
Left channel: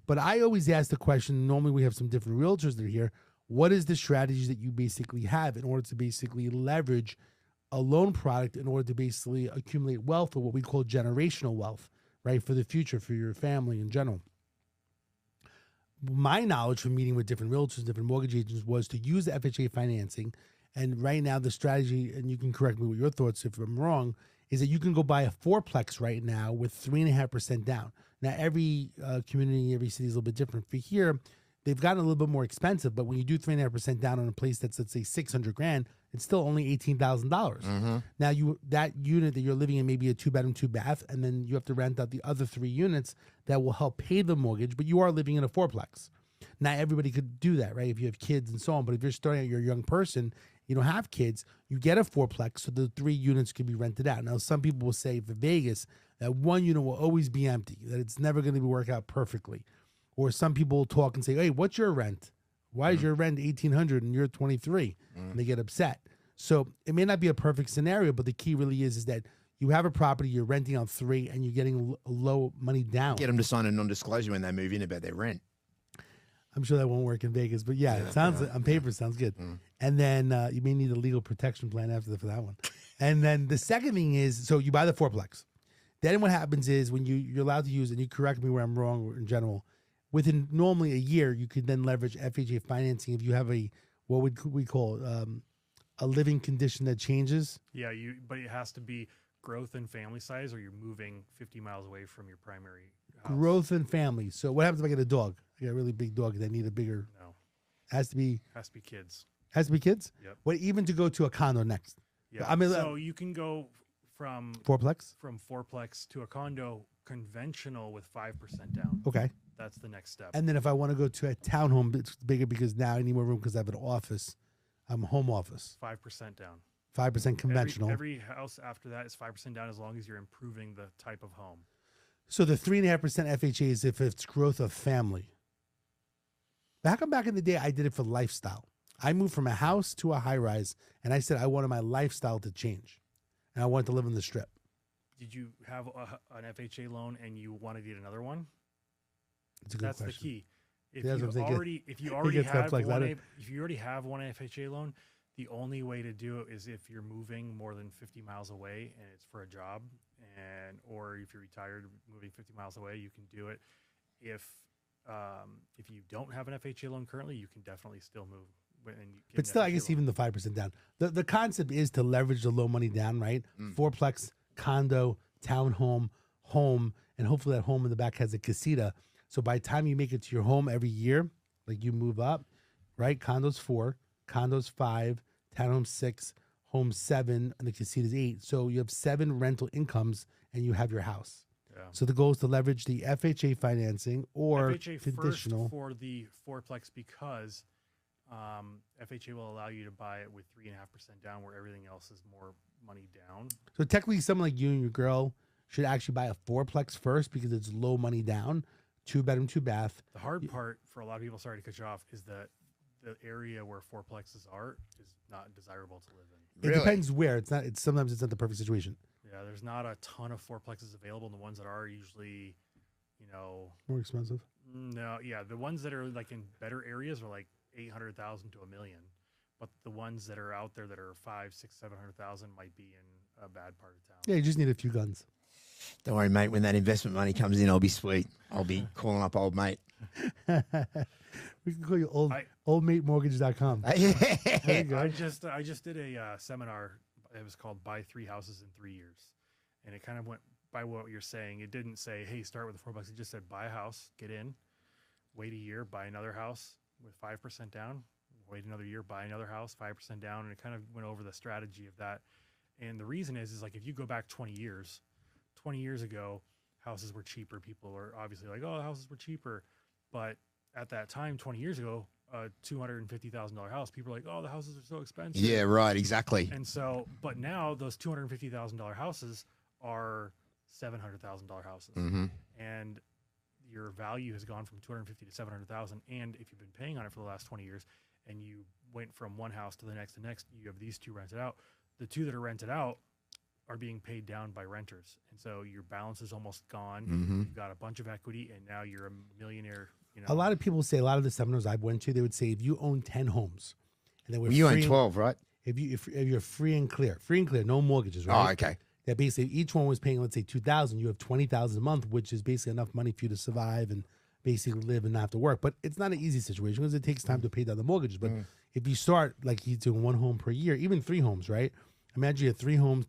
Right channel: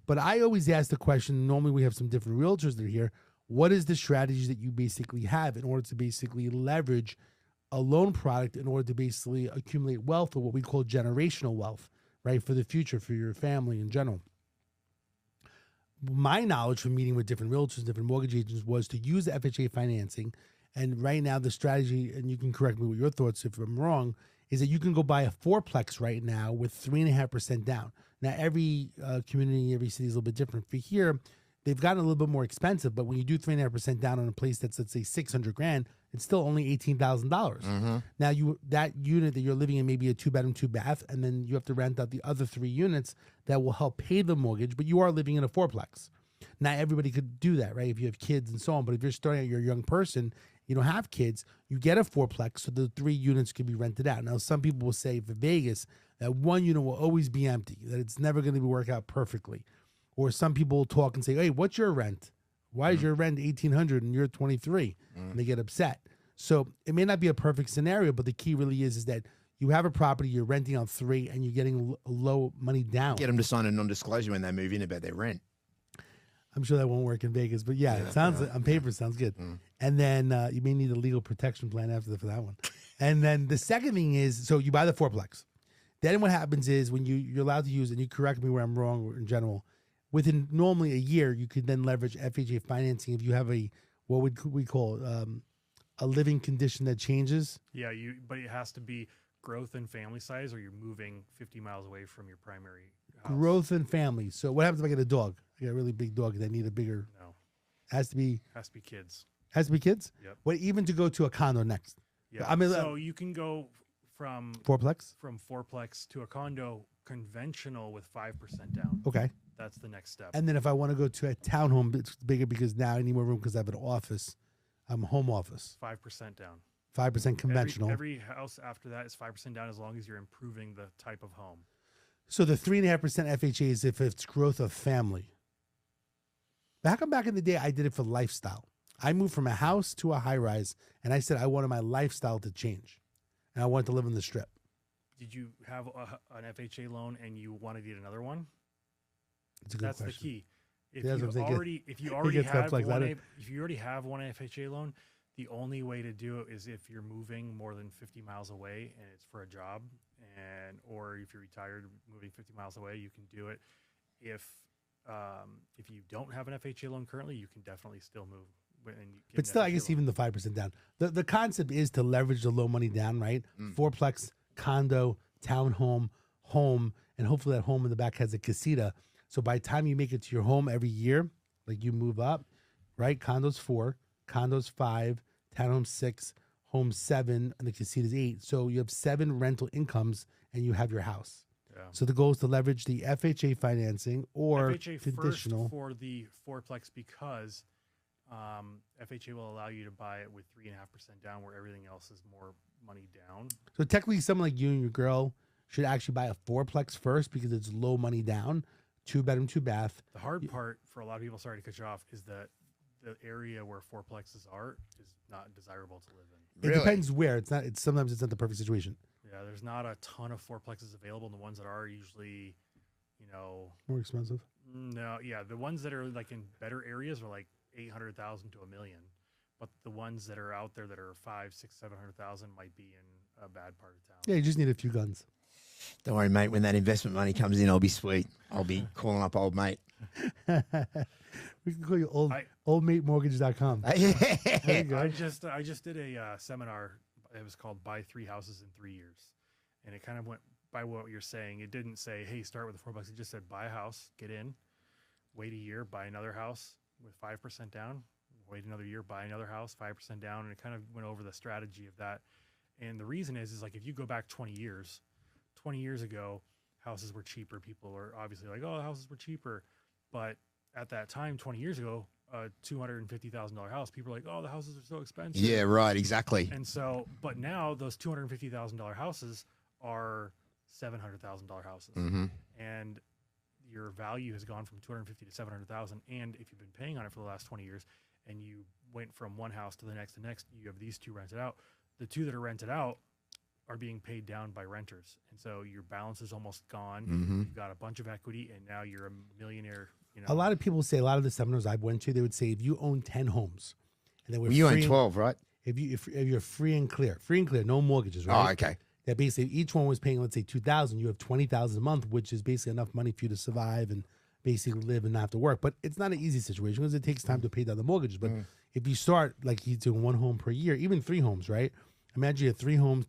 But I always ask the question, normally we have some different realtors that are here, what is the strategies that you basically have in order to basically leverage a loan product in order to basically accumulate wealth, or what we call generational wealth, right, for the future, for your family in general? My knowledge from meeting with different realtors, different mortgage agents, was to use FHA financing. And right now the strategy, and you can correct me with your thoughts if I'm wrong, is that you can go buy a fourplex right now with 3.5% down. Now, every community, every city is a little bit different. For here, they've gotten a little bit more expensive, but when you do 3.5% down on a place that's, let's say, 600 grand, it's still only $18,000. Now, that unit that you're living in may be a 2-bedroom, 2-bath, and then you have to rent out the other 3 units that will help pay the mortgage, but you are living in a fourplex. Not everybody could do that, right? If you have kids and so on, but if you're starting out, you're a young person, you don't have kids, you get a fourplex, so the 3 units can be rented out. Now, some people will say for Vegas that 1 unit will always be empty, that it's never going to work out perfectly. Or some people will talk and say, hey, what's your rent? Why is your rent $1,800 and you're 23? And they get upset. So it may not be a perfect scenario, but the key really is that you have a property, you're renting out 3, and you're getting low money down. Get them to sign a non-disclosure when they move in about their rent. I'm sure that won't work in Vegas, but yeah, it sounds on paper sounds good. And then you may need a legal protection plan after for that one. And then the second thing is, so you buy the fourplex. Then what happens is when you're allowed to use, and you correct me where I'm wrong in general, within normally a year, you could then leverage FHA financing if you have what would we call a living condition that changes. Yeah, but it has to be growth and family size, or you're moving 50 miles away from your primary house. Growth and family. So what happens if I get a dog? I got a really big dog that need a bigger. No, has to be kids. Has to be kids. Yep. What, even to go to a condo next? Yeah. I mean, so you can go from fourplex fourplex to a condo conventional with 5% down. Okay. That's the next step. And then if I want to go to a townhome, it's bigger because now I need more room because I have an office. I'm a home office. 5% down. 5% conventional. Every house after that is 5% down as long as you're improving the type of home. So the 3.5% FHA is if it's growth of family. How come back in the day I did it for lifestyle? I moved from a house to a high rise, and I said I wanted my lifestyle to change, and I wanted to live in the Strip. Did you have an FHA loan and you want to get another one? It's a good That's question. the key. If Yeah, you that's what I'm thinking. already gets that have flex. if you already have one FHA loan, the only way to do it is if you're moving more than 50 miles away and it's for a job, or if you're retired moving 50 miles away, you can do it. If you don't have an FHA loan currently, you can definitely still move. But still, I guess even the 5% down. The concept is to leverage the low money down, right? Fourplex, condo, townhome, home, and hopefully that home in the back has a casita. So by the time you make it to your home every year, like you move up, right? Condos 4, condos 5, townhome 6, home 7, and the casita's 8. So you have 7 rental incomes, and you have your house. Yeah. So the goal is to leverage the FHA financing or FHA conditional. first for the fourplex because FHA will allow you to buy it with 3.5% down, where everything else is more money down. So technically, someone like you and your girl should actually buy a fourplex first because it's low money down, 2-bedroom, 2-bath. The hard part for a lot of people, sorry to cut you off, is that the area where fourplexes are is not desirable to live in. It depends where. It's not. It's sometimes it's not the perfect situation. Yeah, there's not a ton of fourplexes available, and the ones that are usually, More expensive. No, yeah, the ones that are like in better areas are like 800,000 to $1 million, but the ones that are out there that are 500,000, 600,000, 700,000 might be in a bad part of town. Yeah, you just need a few guns. Don't worry, mate. When that investment money comes in, I'll be sweet. I'll be calling up old mate. We can call you oldmatemortgage.com. There you go. I just did a seminar. It was called "Buy 3 Houses in 3 Years," and it kind of went by what you're saying. It didn't say, "Hey, start with a $4." It just said, "Buy a house, get in, wait a year, buy another house with 5% down, wait another year, buy another house, 5% down," and it kind of went over the strategy of that. And the reason is like if you go back 20 years ago, houses were cheaper. People were obviously like, "Oh, houses were cheaper," but at that time, 20 years ago, a $250,000 house, people were like, "Oh, the houses are so expensive." Yeah, right, exactly. And so, but now those $250,000 houses are $700,000 houses, and your value has gone from $250,000 to $700,000. And if you've been paying on it for the last 20 years, and you went from one house to the next, you have these two rented out. The two that are rented out are being paid down by renters, and so your balance is almost gone. You've got a bunch of equity, and now you're a millionaire. A lot of people say, a lot of the seminars I went to, they would say if you own 10 homes, and then you own 12, right? If you're free and clear, no mortgages, right? Oh, okay. That basically each one was paying, let's say, $2,000. You have $20,000 a month, which is basically enough money for you to survive and basically live and not have to work. But it's not an easy situation because it takes time to pay down the mortgages. But if you start like he's doing 1 home per year, even 3 homes, right? Imagine you have 3 homes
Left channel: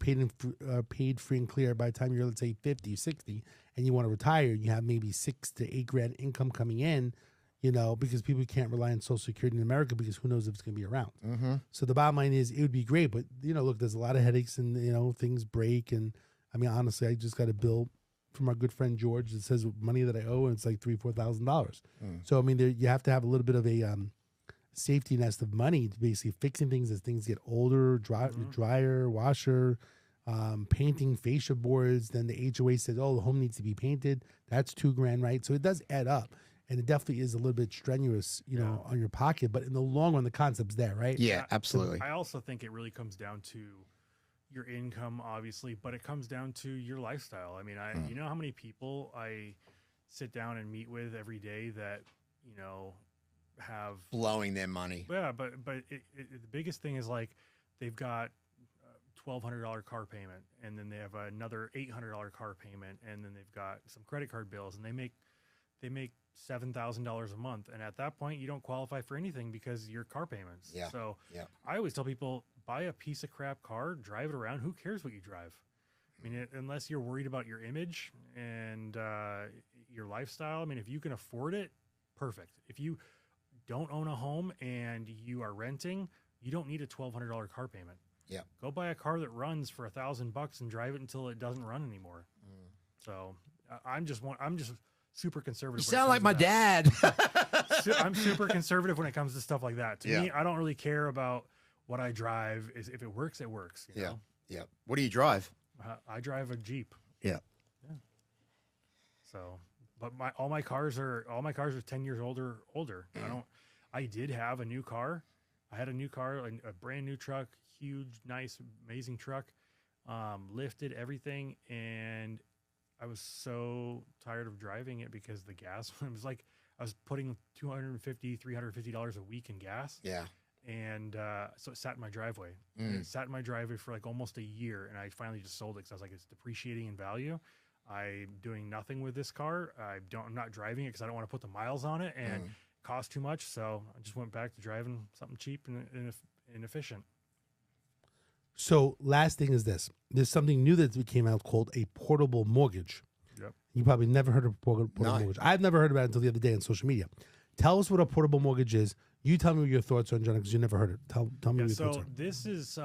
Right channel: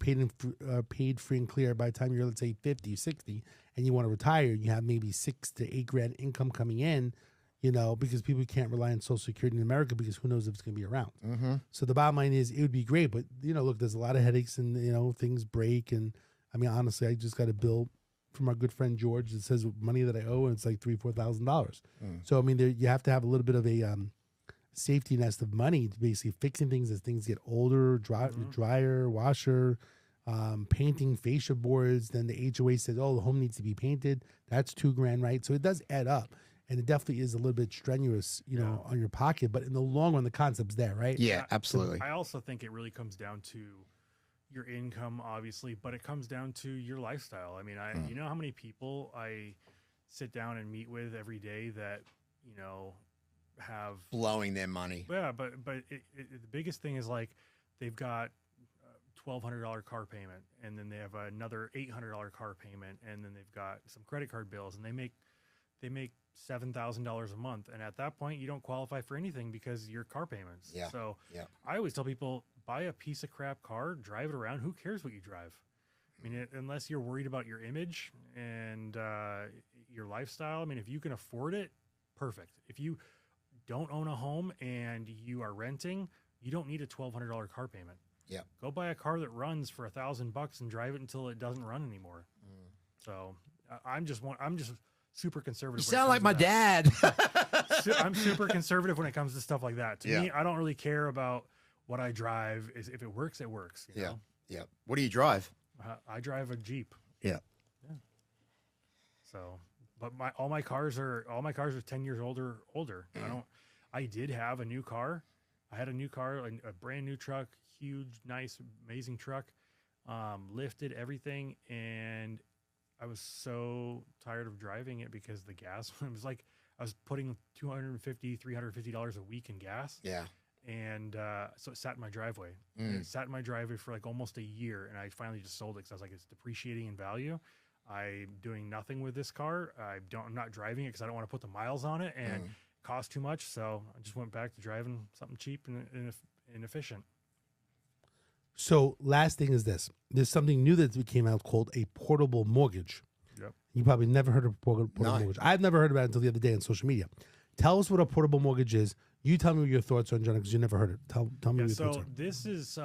paid free and clear by the time you're, let's say, 50, 60, and you want to retire. You have maybe $6,000 to $8,000 income coming in, because people can't rely on Social Security in America because who knows if it's going to be around. So the bottom line is it would be great, but look, there's a lot of headaches and things break. And I mean, honestly, I just got a bill from our good friend George that says money that I owe, and it's like $3,000-4,000. So I mean, you have to have a little bit of a safety nest of money to basically fixing things as things get older, dryer, washer, painting fascia boards. Then the HOA says, "Oh, the home needs to be painted." That's $2,000, right? So it does add up. And it definitely is a little bit strenuous, on your pocket. But in the long run, the concept's there, right? Yeah, absolutely. I also think it really comes down to your income, obviously, but it comes down to your lifestyle. I mean, you know how many people I sit down and meet with every day that, have blowing their money. Yeah, but the biggest thing is like they've got $1,200 car payment, and then they have another $800 car payment, and then they've got some credit card bills, and they make $7,000 a month, and at that point you don't qualify for anything because your car payments. Yeah. So yeah. I always tell people, buy a piece of crap car, drive it around. Who cares what you drive? I mean, unless you're worried about your image and your lifestyle. I mean, if you can afford it, perfect. If you don't own a home and you are renting, you don't need a $1,200 car payment. Yeah. Go buy a car that runs for $1,000 and drive it until it doesn't run anymore. So I'm just super conservative. You sound like my dad. I'm super conservative when it comes to stuff like that. To me, I don't really care about what I drive. If it works, it works. You know? Yeah. What do you drive? I drive a Jeep. Yeah. So, but all my cars are 10 years older. I did have a new car. I had a new car, a brand new truck, huge, nice, amazing truck, lifted everything, and I was so tired of driving it because the gas, it was like I was putting $250, $350 a week in gas. Yeah. And so it sat in my driveway. And it sat in my driveway for like almost a year, and I finally just sold it because I was like, it's depreciating in value. I'm doing nothing with this car. I'm not driving it because I don't want to put the miles on it, and it costs too much. So I just went back to driving something cheap and efficient. So last thing is this. There's something new that came out called a portable mortgage. Yep. You probably never heard of portable mortgage. I've never heard about it until the other day on social media. Tell us what a portable mortgage is. You tell me what your thoughts are, John, because you never heard it. Tell me what your thoughts are. This is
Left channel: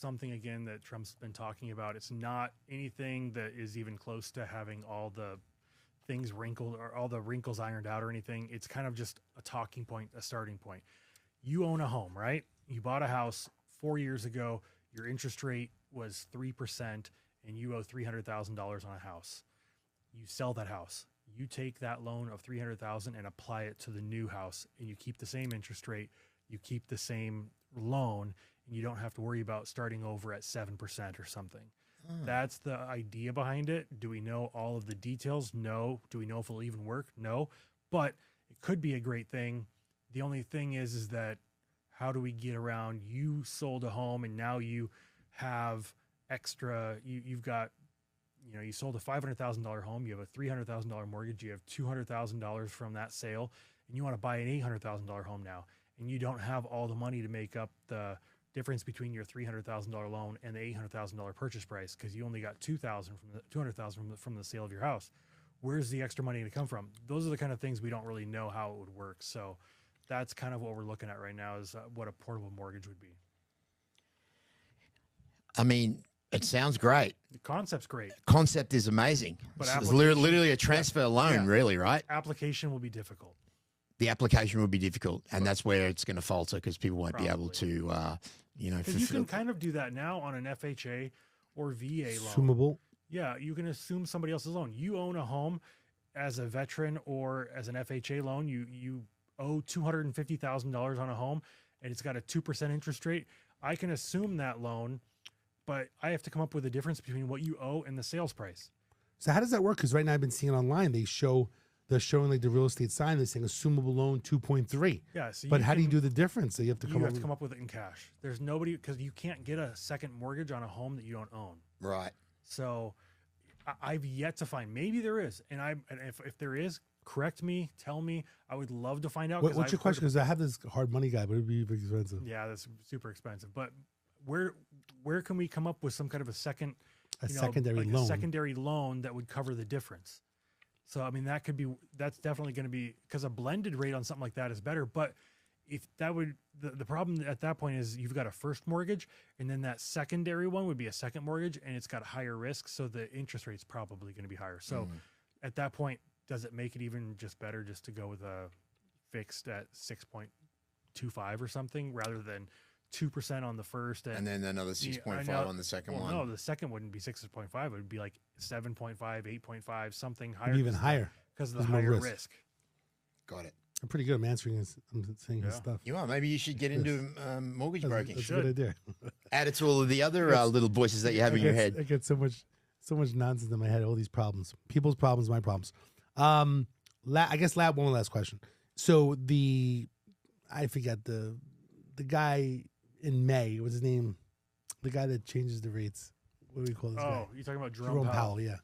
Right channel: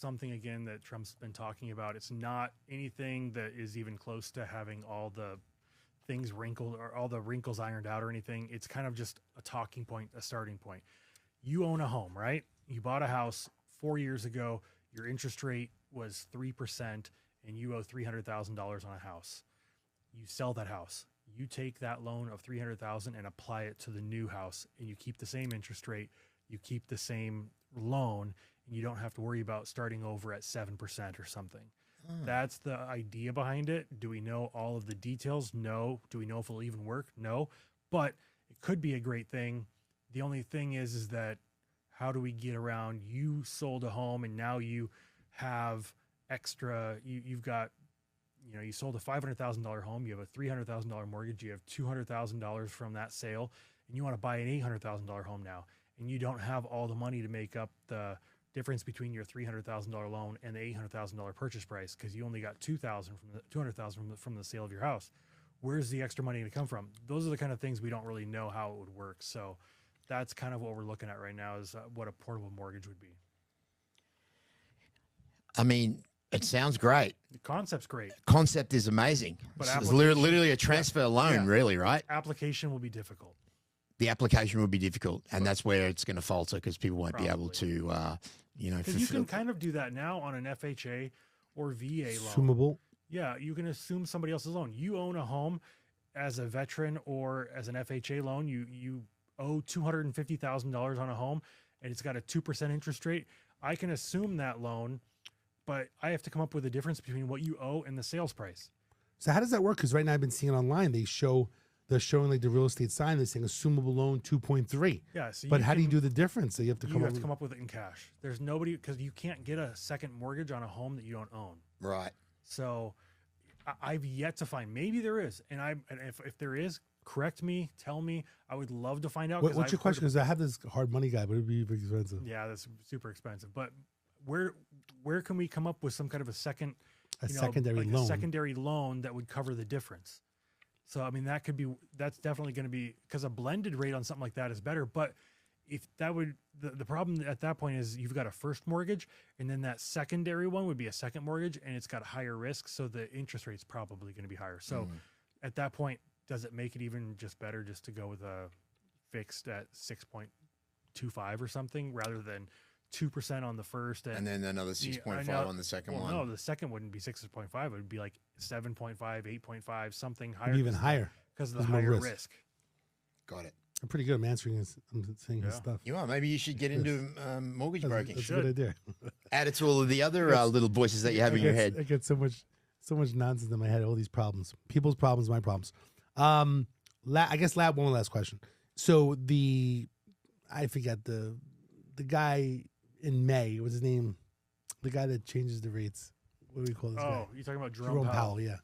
something again that Trump's been talking about. It's not anything that is even close to having all the things wrinkled or all the wrinkles ironed out or anything. It's kind of just a talking point, a starting point. You own a home, right? You bought a house 4 years ago. Your interest rate was 3% and you owe $300,000 on a house. You sell that house. You take that loan of $300,000 and apply it to the new house, and you keep the same interest rate. You keep the same loan, and you don't have to worry about starting over at 7% or something. That's the idea behind it. Do we know all of the details? No. Do we know if it'll even work? No. But it could be a great thing. The only thing is that how do we get around? You sold a home and now you have extra. You've got, you sold a $500,000 home. You have a $300,000 mortgage. You have $200,000 from that sale, and you want to buy an $800,000 home now, and you don't have all the money to make up the difference between your $300,000 loan and the $800,000 purchase price because you only got $200,000 from the sale of your house. Where's the extra money to come from? Those are the kind of things we don't really know how it would work. So that's kind of what we're looking at right now is what a portable mortgage would be. I mean, it sounds great. The concept's great. Concept is amazing. But It's literally a transfer loan, really, right? Application will be difficult. The application will be difficult, and that's where it's going to falter because people won't be able to, Because you can kind of do that now on an FHA or VA loan. Assumable. Yeah, you can assume somebody else's loan. You own a home as a veteran or as an FHA loan. You owe $250,000 on a home, and it's got a 2% interest rate. I can assume that loan, but I have to come up with a difference between what you owe and the sales price. So how does that work? Because right now I've been seeing online, they're showing like the real estate sign. They're saying assumable loan 2.3. Yeah. So but how do you do the difference? So you have to come up with it in cash. There's nobody, because you can't get a second mortgage on a home that you don't own. Right. So I've yet to find. Maybe there is, and if there is, correct me, tell me. I would love to find out. What's your question? Because I have this hard money guy, but it'd be very expensive. Yeah, that's super expensive. But where can we come up with some kind of a secondary loan? A secondary loan that would cover the difference. So, I mean, that's definitely going to be, because a blended rate on something like that is better. But if that would, the problem at that point is you've got a first mortgage, and then that secondary one would be a second mortgage, and it's got higher risk. So the interest rate's probably going to be higher. So at that point, does it make it even just better just to go with a fixed at 6.25 or something rather than 2% on the first and then another 6.5 on the second one? No, the second wouldn't be 6.5. It would be like 7.5, 8.5, something higher. Maybe even higher. Because of the higher risk. Got it. I'm pretty good. I'm answering his stuff. You are. Maybe you should get into mortgage broking. That's a good idea. Add it to all of the other little voices that you have in your head. I get so much nonsense in my head. All these problems, people's problems, my problems. I guess one last question. So I forget the guy in May. What's his name? The guy that changes the rates. What do we call this guy? Oh, you're talking about Jerome Powell. Yeah.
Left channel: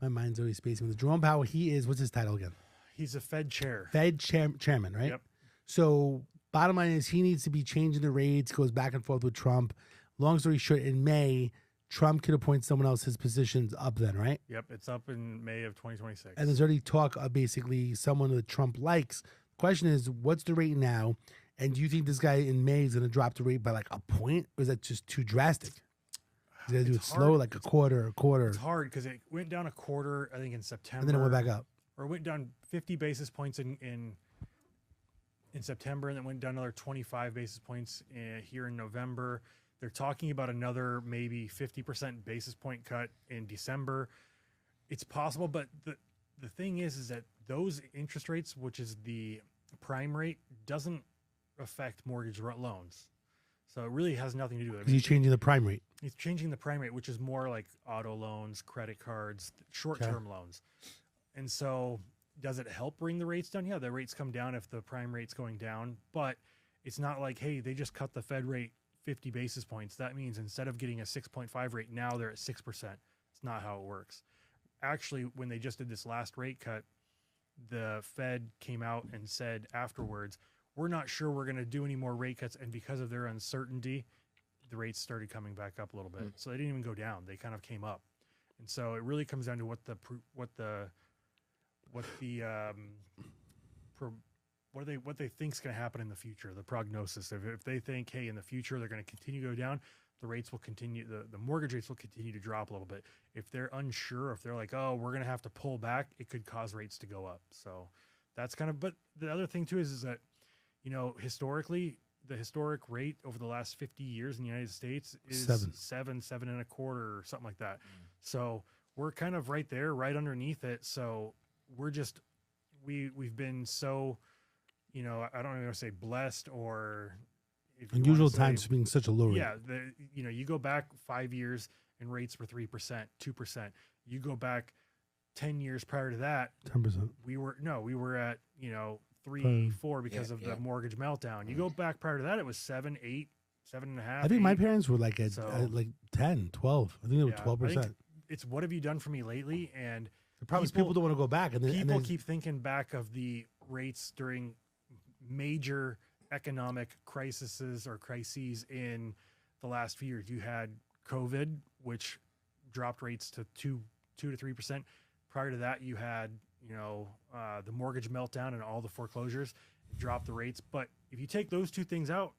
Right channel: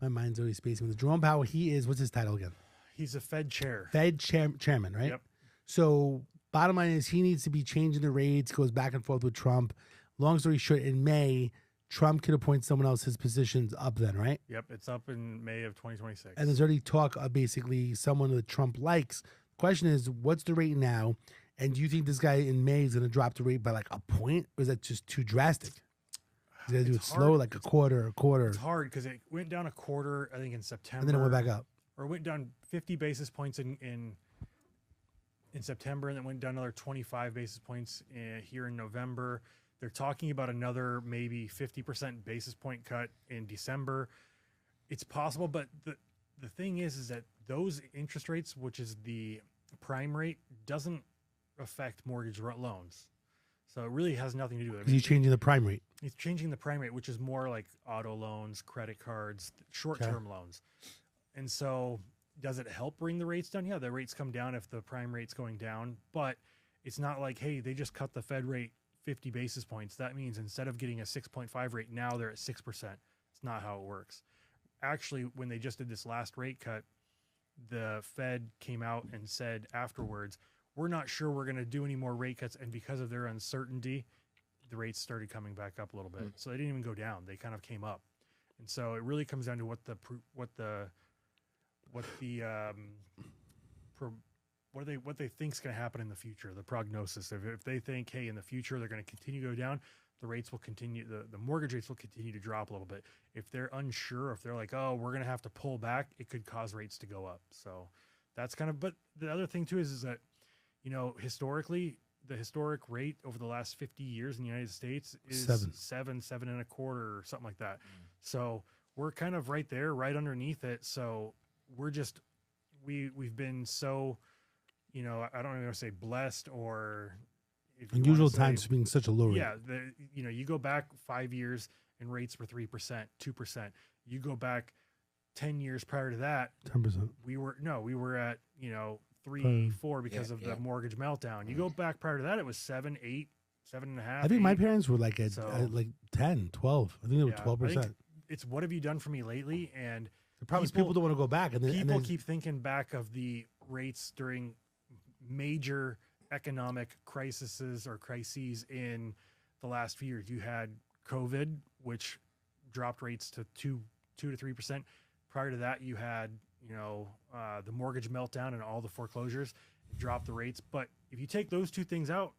My mind's always spacing with Jerome Powell. What's his title again? He's a Fed chair. Chairman, right? Yep. So bottom line is he needs to be changing the rates, goes back and forth with Trump. Long story short, in May, Trump could appoint someone else. His position's up then, right? Yep, it's up in May of 2026. And there's already talk of basically someone that Trump likes. The question is, what's the rate now? And do you think this guy in May is going to drop the rate by like a point? Or is that just too drastic? He's going to do it slow, like a quarter. It's hard because it went down a quarter, I think, in September. And then it went back up. Or it went down 50 basis points in September, and then went down another 25 basis points here in November. They're talking about another maybe 50% basis point cut in December. It's possible, but the thing is that those interest rates, which is the prime rate, doesn't affect mortgage loans. So it really has nothing to do with it. He's changing the prime rate. He's changing the prime rate, which is more like auto loans, credit cards, short-term loans. And so does it help bring the rates down? Yeah, the rates come down if the prime rate's going down, but it's not like, hey, they just cut the Fed rate 50 basis points. That means instead of getting a 6.5 rate, now they're at 6%. It's not how it works. Actually, when they just did this last rate cut, the Fed came out and said afterwards, we're not sure we're going to do any more rate cuts. And because of their uncertainty, the rates started coming back up a little bit. So they didn't even go down. They kind of came up. And so it really comes down to what the what they think's going to happen in the future, the prognosis. If they think, hey, in the future they're going to continue to go down, the rates will continue, the mortgage rates will continue to drop a little bit. If they're unsure, if they're like, oh, we're going to have to pull back, it could cause rates to go up. So that's kind of, but the other thing too is that, you know, historically, the historic rate over the last 50 years in the United States is 7.25 or something like that. So we're kind of right there, right underneath it. So we're just, we've been so, you know, I don't even want to say blessed or unusual times being such a low rate. Yeah. You know, you go back 5 years and rates were 3%, 2%. You go back 10 years prior to that, 10%. we were at, you know, 3, 4 because of the mortgage meltdown. You go back prior to that, it was 7, 8, 7.5. I think my parents were like at like 10, 12. I think they were 12%. It's what have you done for me lately? And the problem is people don't want to go back. And people keep thinking back of the rates during major economic crises in the last few years. You had COVID, which dropped rates to 2 to 3%. Prior to that, you had, you know, the mortgage meltdown and all the foreclosures dropped the rates. But if you take those two things out,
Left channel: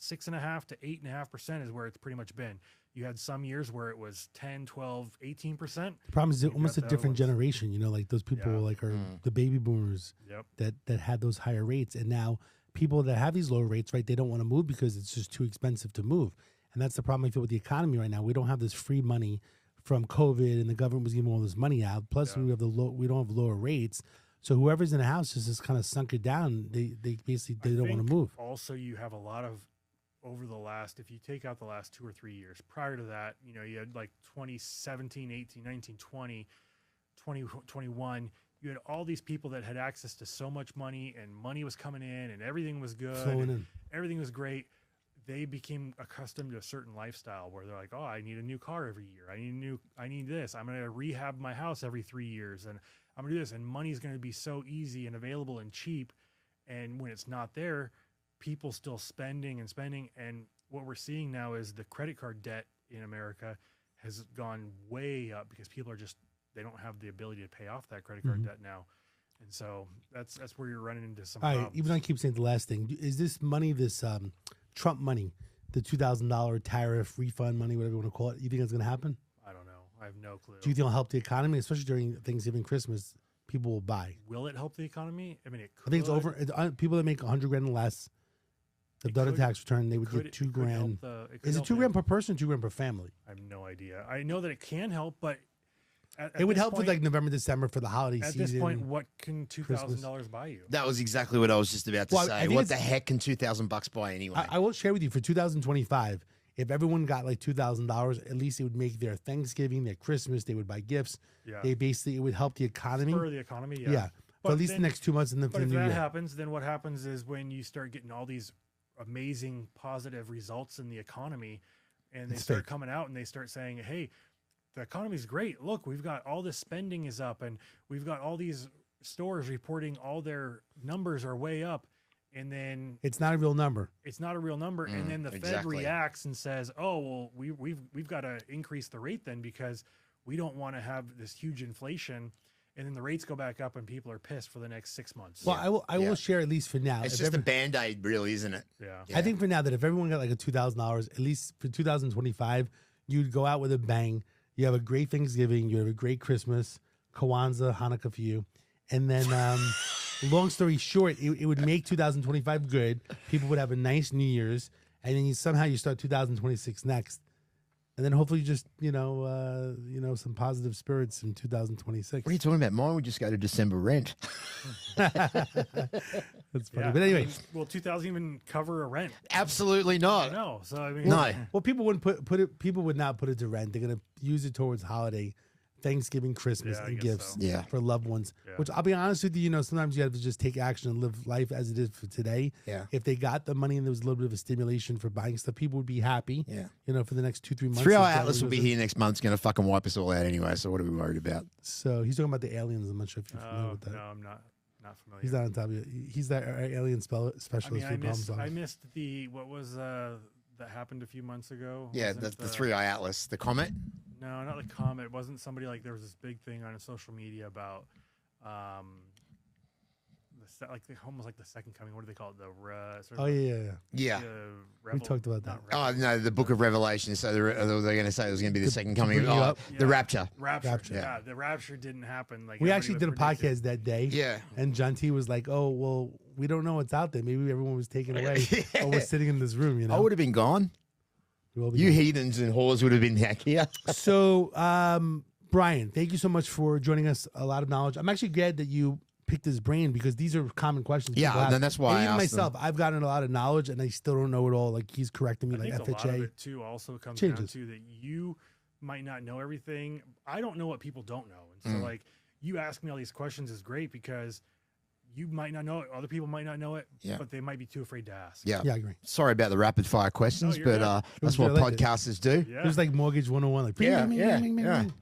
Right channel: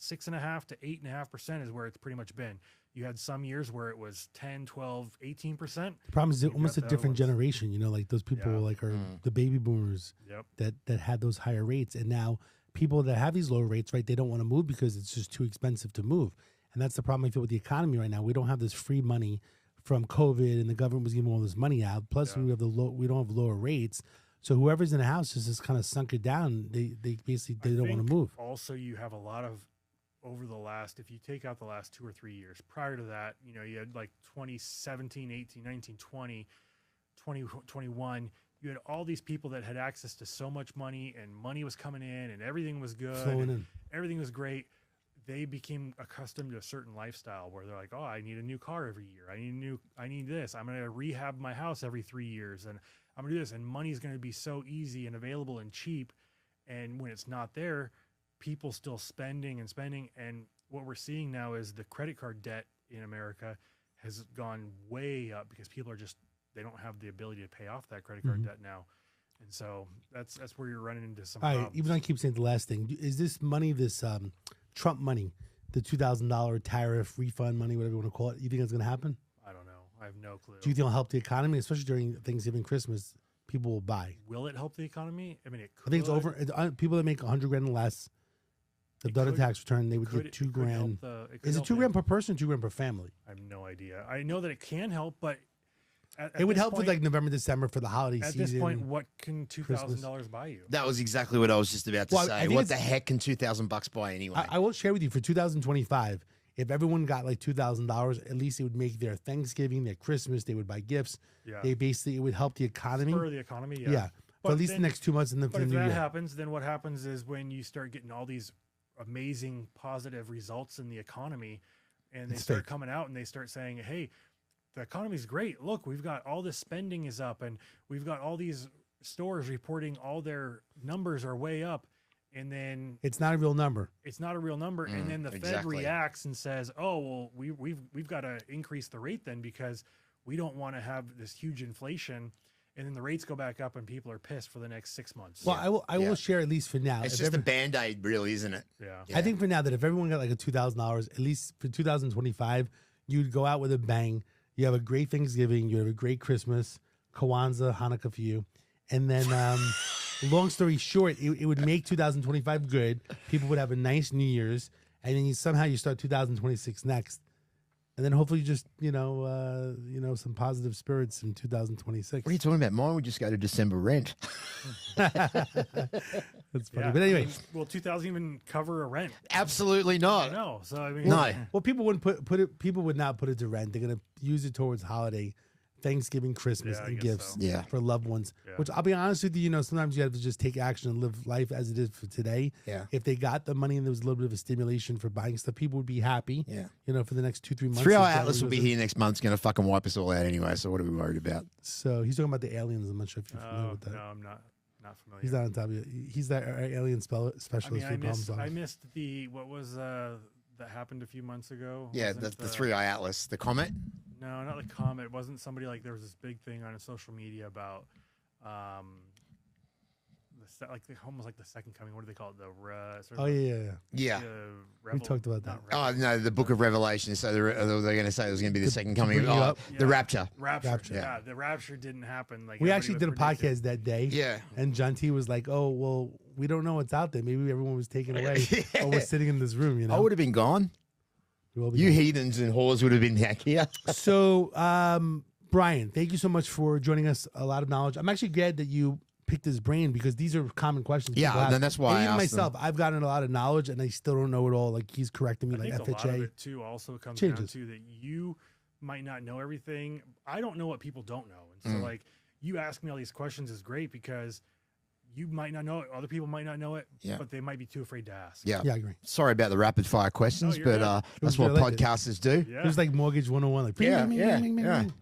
6.5 to 8.5% is where it's pretty much been. You had some years where it was 10, 12, 18%. The problem is almost a different generation, you know, like those people like are the baby boomers that had those higher rates. And now people that have these lower rates, right, they don't want to move because it's just too expensive to move. And that's the problem I feel with the economy right now. We don't have this free money from COVID and the government was giving all this money out. Plus we don't have lower rates. So whoever's in a house has just kind of sunk it down. They basically don't want to move. Also, you have a lot of over the last, if you take out the last 2 or 3 years prior to that, you know, you had like 2017, 18, 19, 20, 21, you had all these people that had access to so much money and money was coming in and everything was good. And everything was great. They became accustomed to a certain lifestyle where they're like, oh, I need a new car every year. I need this. I'm going to rehab my house every 3 years and I'm going to do this. And money's going to be so easy and available and cheap. And when it's not there, people still spending. And what we're seeing now is the credit card debt in America has gone way up because people are just, they don't have the ability to pay off that credit card debt now. And so that's where you're running into some problems. Even though I keep saying the last thing, is this money, this Trump money, the $2,000 tariff refund money, whatever you want to call it, you think it's going to happen? I don't know. I have no clue. Do you think it'll help the economy, especially during Thanksgiving, Christmas? People will buy. Will it help the economy? I mean, it could. I think it's over. People that make $100,000 and less, they've done a tax return, they would get $2,000. Is it $2,000 per person, or $2,000 per family? I have no idea. I know that it can help, but it would help with like November, December for the holiday season. At this point, what can $2,000 buy you? That was exactly what I was just about to say. What the heck can $2,000 buy anyway? I will share with you for 2025. If everyone got like $2,000, at least it would make their Thanksgiving, their Christmas. They would buy gifts. Yeah. It would help the economy. For the economy, yeah. Yeah. For at least the next 2 months, and then for the new year. But if that happens, then what happens is when you start getting all these amazing positive results in the economy, and they start coming out and they start saying, "Hey, the economy's great. Look, we've got all this spending is up, and we've got all these stores reporting all their numbers are way up." And then it's not a real number. It's not a real number. And then the Fed reacts and says, "Oh, well, we've got to increase the rate then because we don't want to have this huge inflation." And then the rates go back up, and people are pissed for the next 6 months. Well, I will share at least for now. It's just a Band-Aid, really, isn't it? Yeah. I think for now that if everyone got like a $2,000, at least for 2025, you'd go out with a bang. You have a great Thanksgiving. You have a great Christmas, Kwanzaa, Hanukkah for you, and then. Long story short, it would make 2025 good. People would have a nice New Year's, and then somehow you start 2026 next, and then hopefully just some positive spirits in 2026. What are you talking about? Mine would just go to December rent. That's funny, but anyway, will 2000 even cover a rent? Absolutely not. No, so I mean, no. Well, people wouldn't put it. People would not put it to rent. They're going to use it towards holiday. Thanksgiving, Christmas, and gifts for loved ones. Yeah. Which I'll be honest with you, sometimes you have to just take action and live life as it is for today. Yeah. If they got the money and there was a little bit of a stimulation for buying stuff, people would be happy. Yeah. For the next 2-3 months. 3-Hour Atlas will be here next month. It's going to fucking wipe us all out anyway. So what are we worried about? So he's talking about the aliens. I'm not sure if you're familiar with that. No, I'm not familiar. He's not on top of it. He's the alien specialist for problems. I missed what was that happened a few months ago. Yeah, the 3-Eye Atlas, the comet. No, not the comet. It wasn't somebody like there was this big thing on social media about the almost like the second coming. What do they call it? Oh yeah. Yeah. We talked about that. Oh no, the Book of Revelation. So they're going to say it was going to be the second coming. bring you Oh, up. the rapture. Rapture. Yeah. Yeah, the rapture didn't happen. Like We everybody actually was did a predicting. podcast that day. Yeah. And John T was like, "Oh well, we don't know what's out there. Maybe everyone was taken away, or was sitting in this room. You know, I would have been gone. We will be You gone. heathens and whores would have been back here. So, Brian, thank you so much for joining us. A lot of knowledge. I'm actually glad that you picked his brain because these are common questions. Yeah, people ask. then that's why And I even asked them. myself, I've gotten a lot of knowledge, and I still don't know it all. Like he's correcting me, I like think a lot of FHA. it too also comes changes. down to that you might not know everything. I don't know what people don't know, and so like you ask me all these questions is great because you might not know it, other people might not know it, Yeah. but they might be too afraid to ask. Yeah. Yeah, I agree. Sorry about the rapid fire questions, No, you're but good. that's was what good. I liked it. podcasters do. Yeah. It was like Mortgage 101. Like, Yeah, bing, bing, yeah, bing, bing, yeah. bing.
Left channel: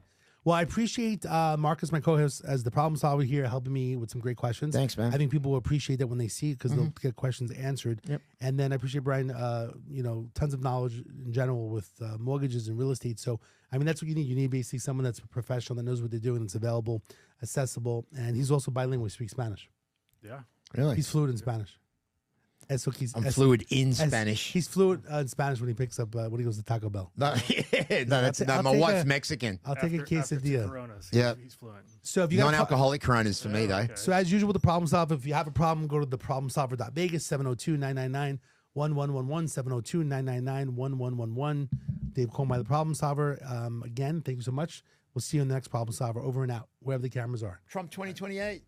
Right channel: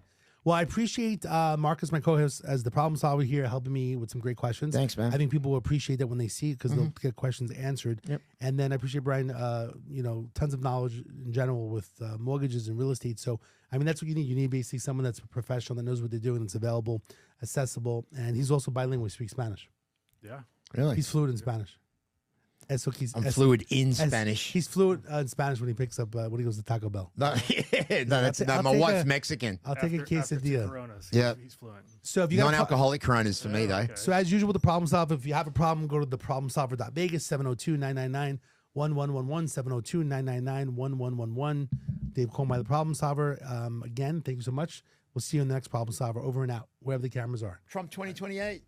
Well, I appreciate Marcus, my co-host, as the problem solver here, helping me with some great questions. Thanks, man. I think people will appreciate that when they see it because they'll get questions answered. Yep. And then I appreciate Brian, tons of knowledge in general with mortgages and real estate. So, I mean, that's what you need. You need basically someone that's a professional that knows what they're doing. It's available, accessible, and he's also bilingual. He speaks Spanish. Yeah. Really? He's fluent in Spanish. Eso quis- I'm es- fluid in es- Spanish. He's fluent in Spanish when he picks up when he goes to Taco Bell. No, I'll my take wife's a- Mexican. I'll take a After two quesadilla. Coronas, Yeah. he's fluent. So if you got Non-alcoholic Coronas for me, though. Okay. So as usual, the problem solver. If you have a problem, go to theproblemsolver.vegas 702-999-1111 702-999-1111. Dave Coleman, the problem solver. Again, thank you so much. We'll see you in the next problem solver. Over and out, wherever the cameras are. Trump 2028.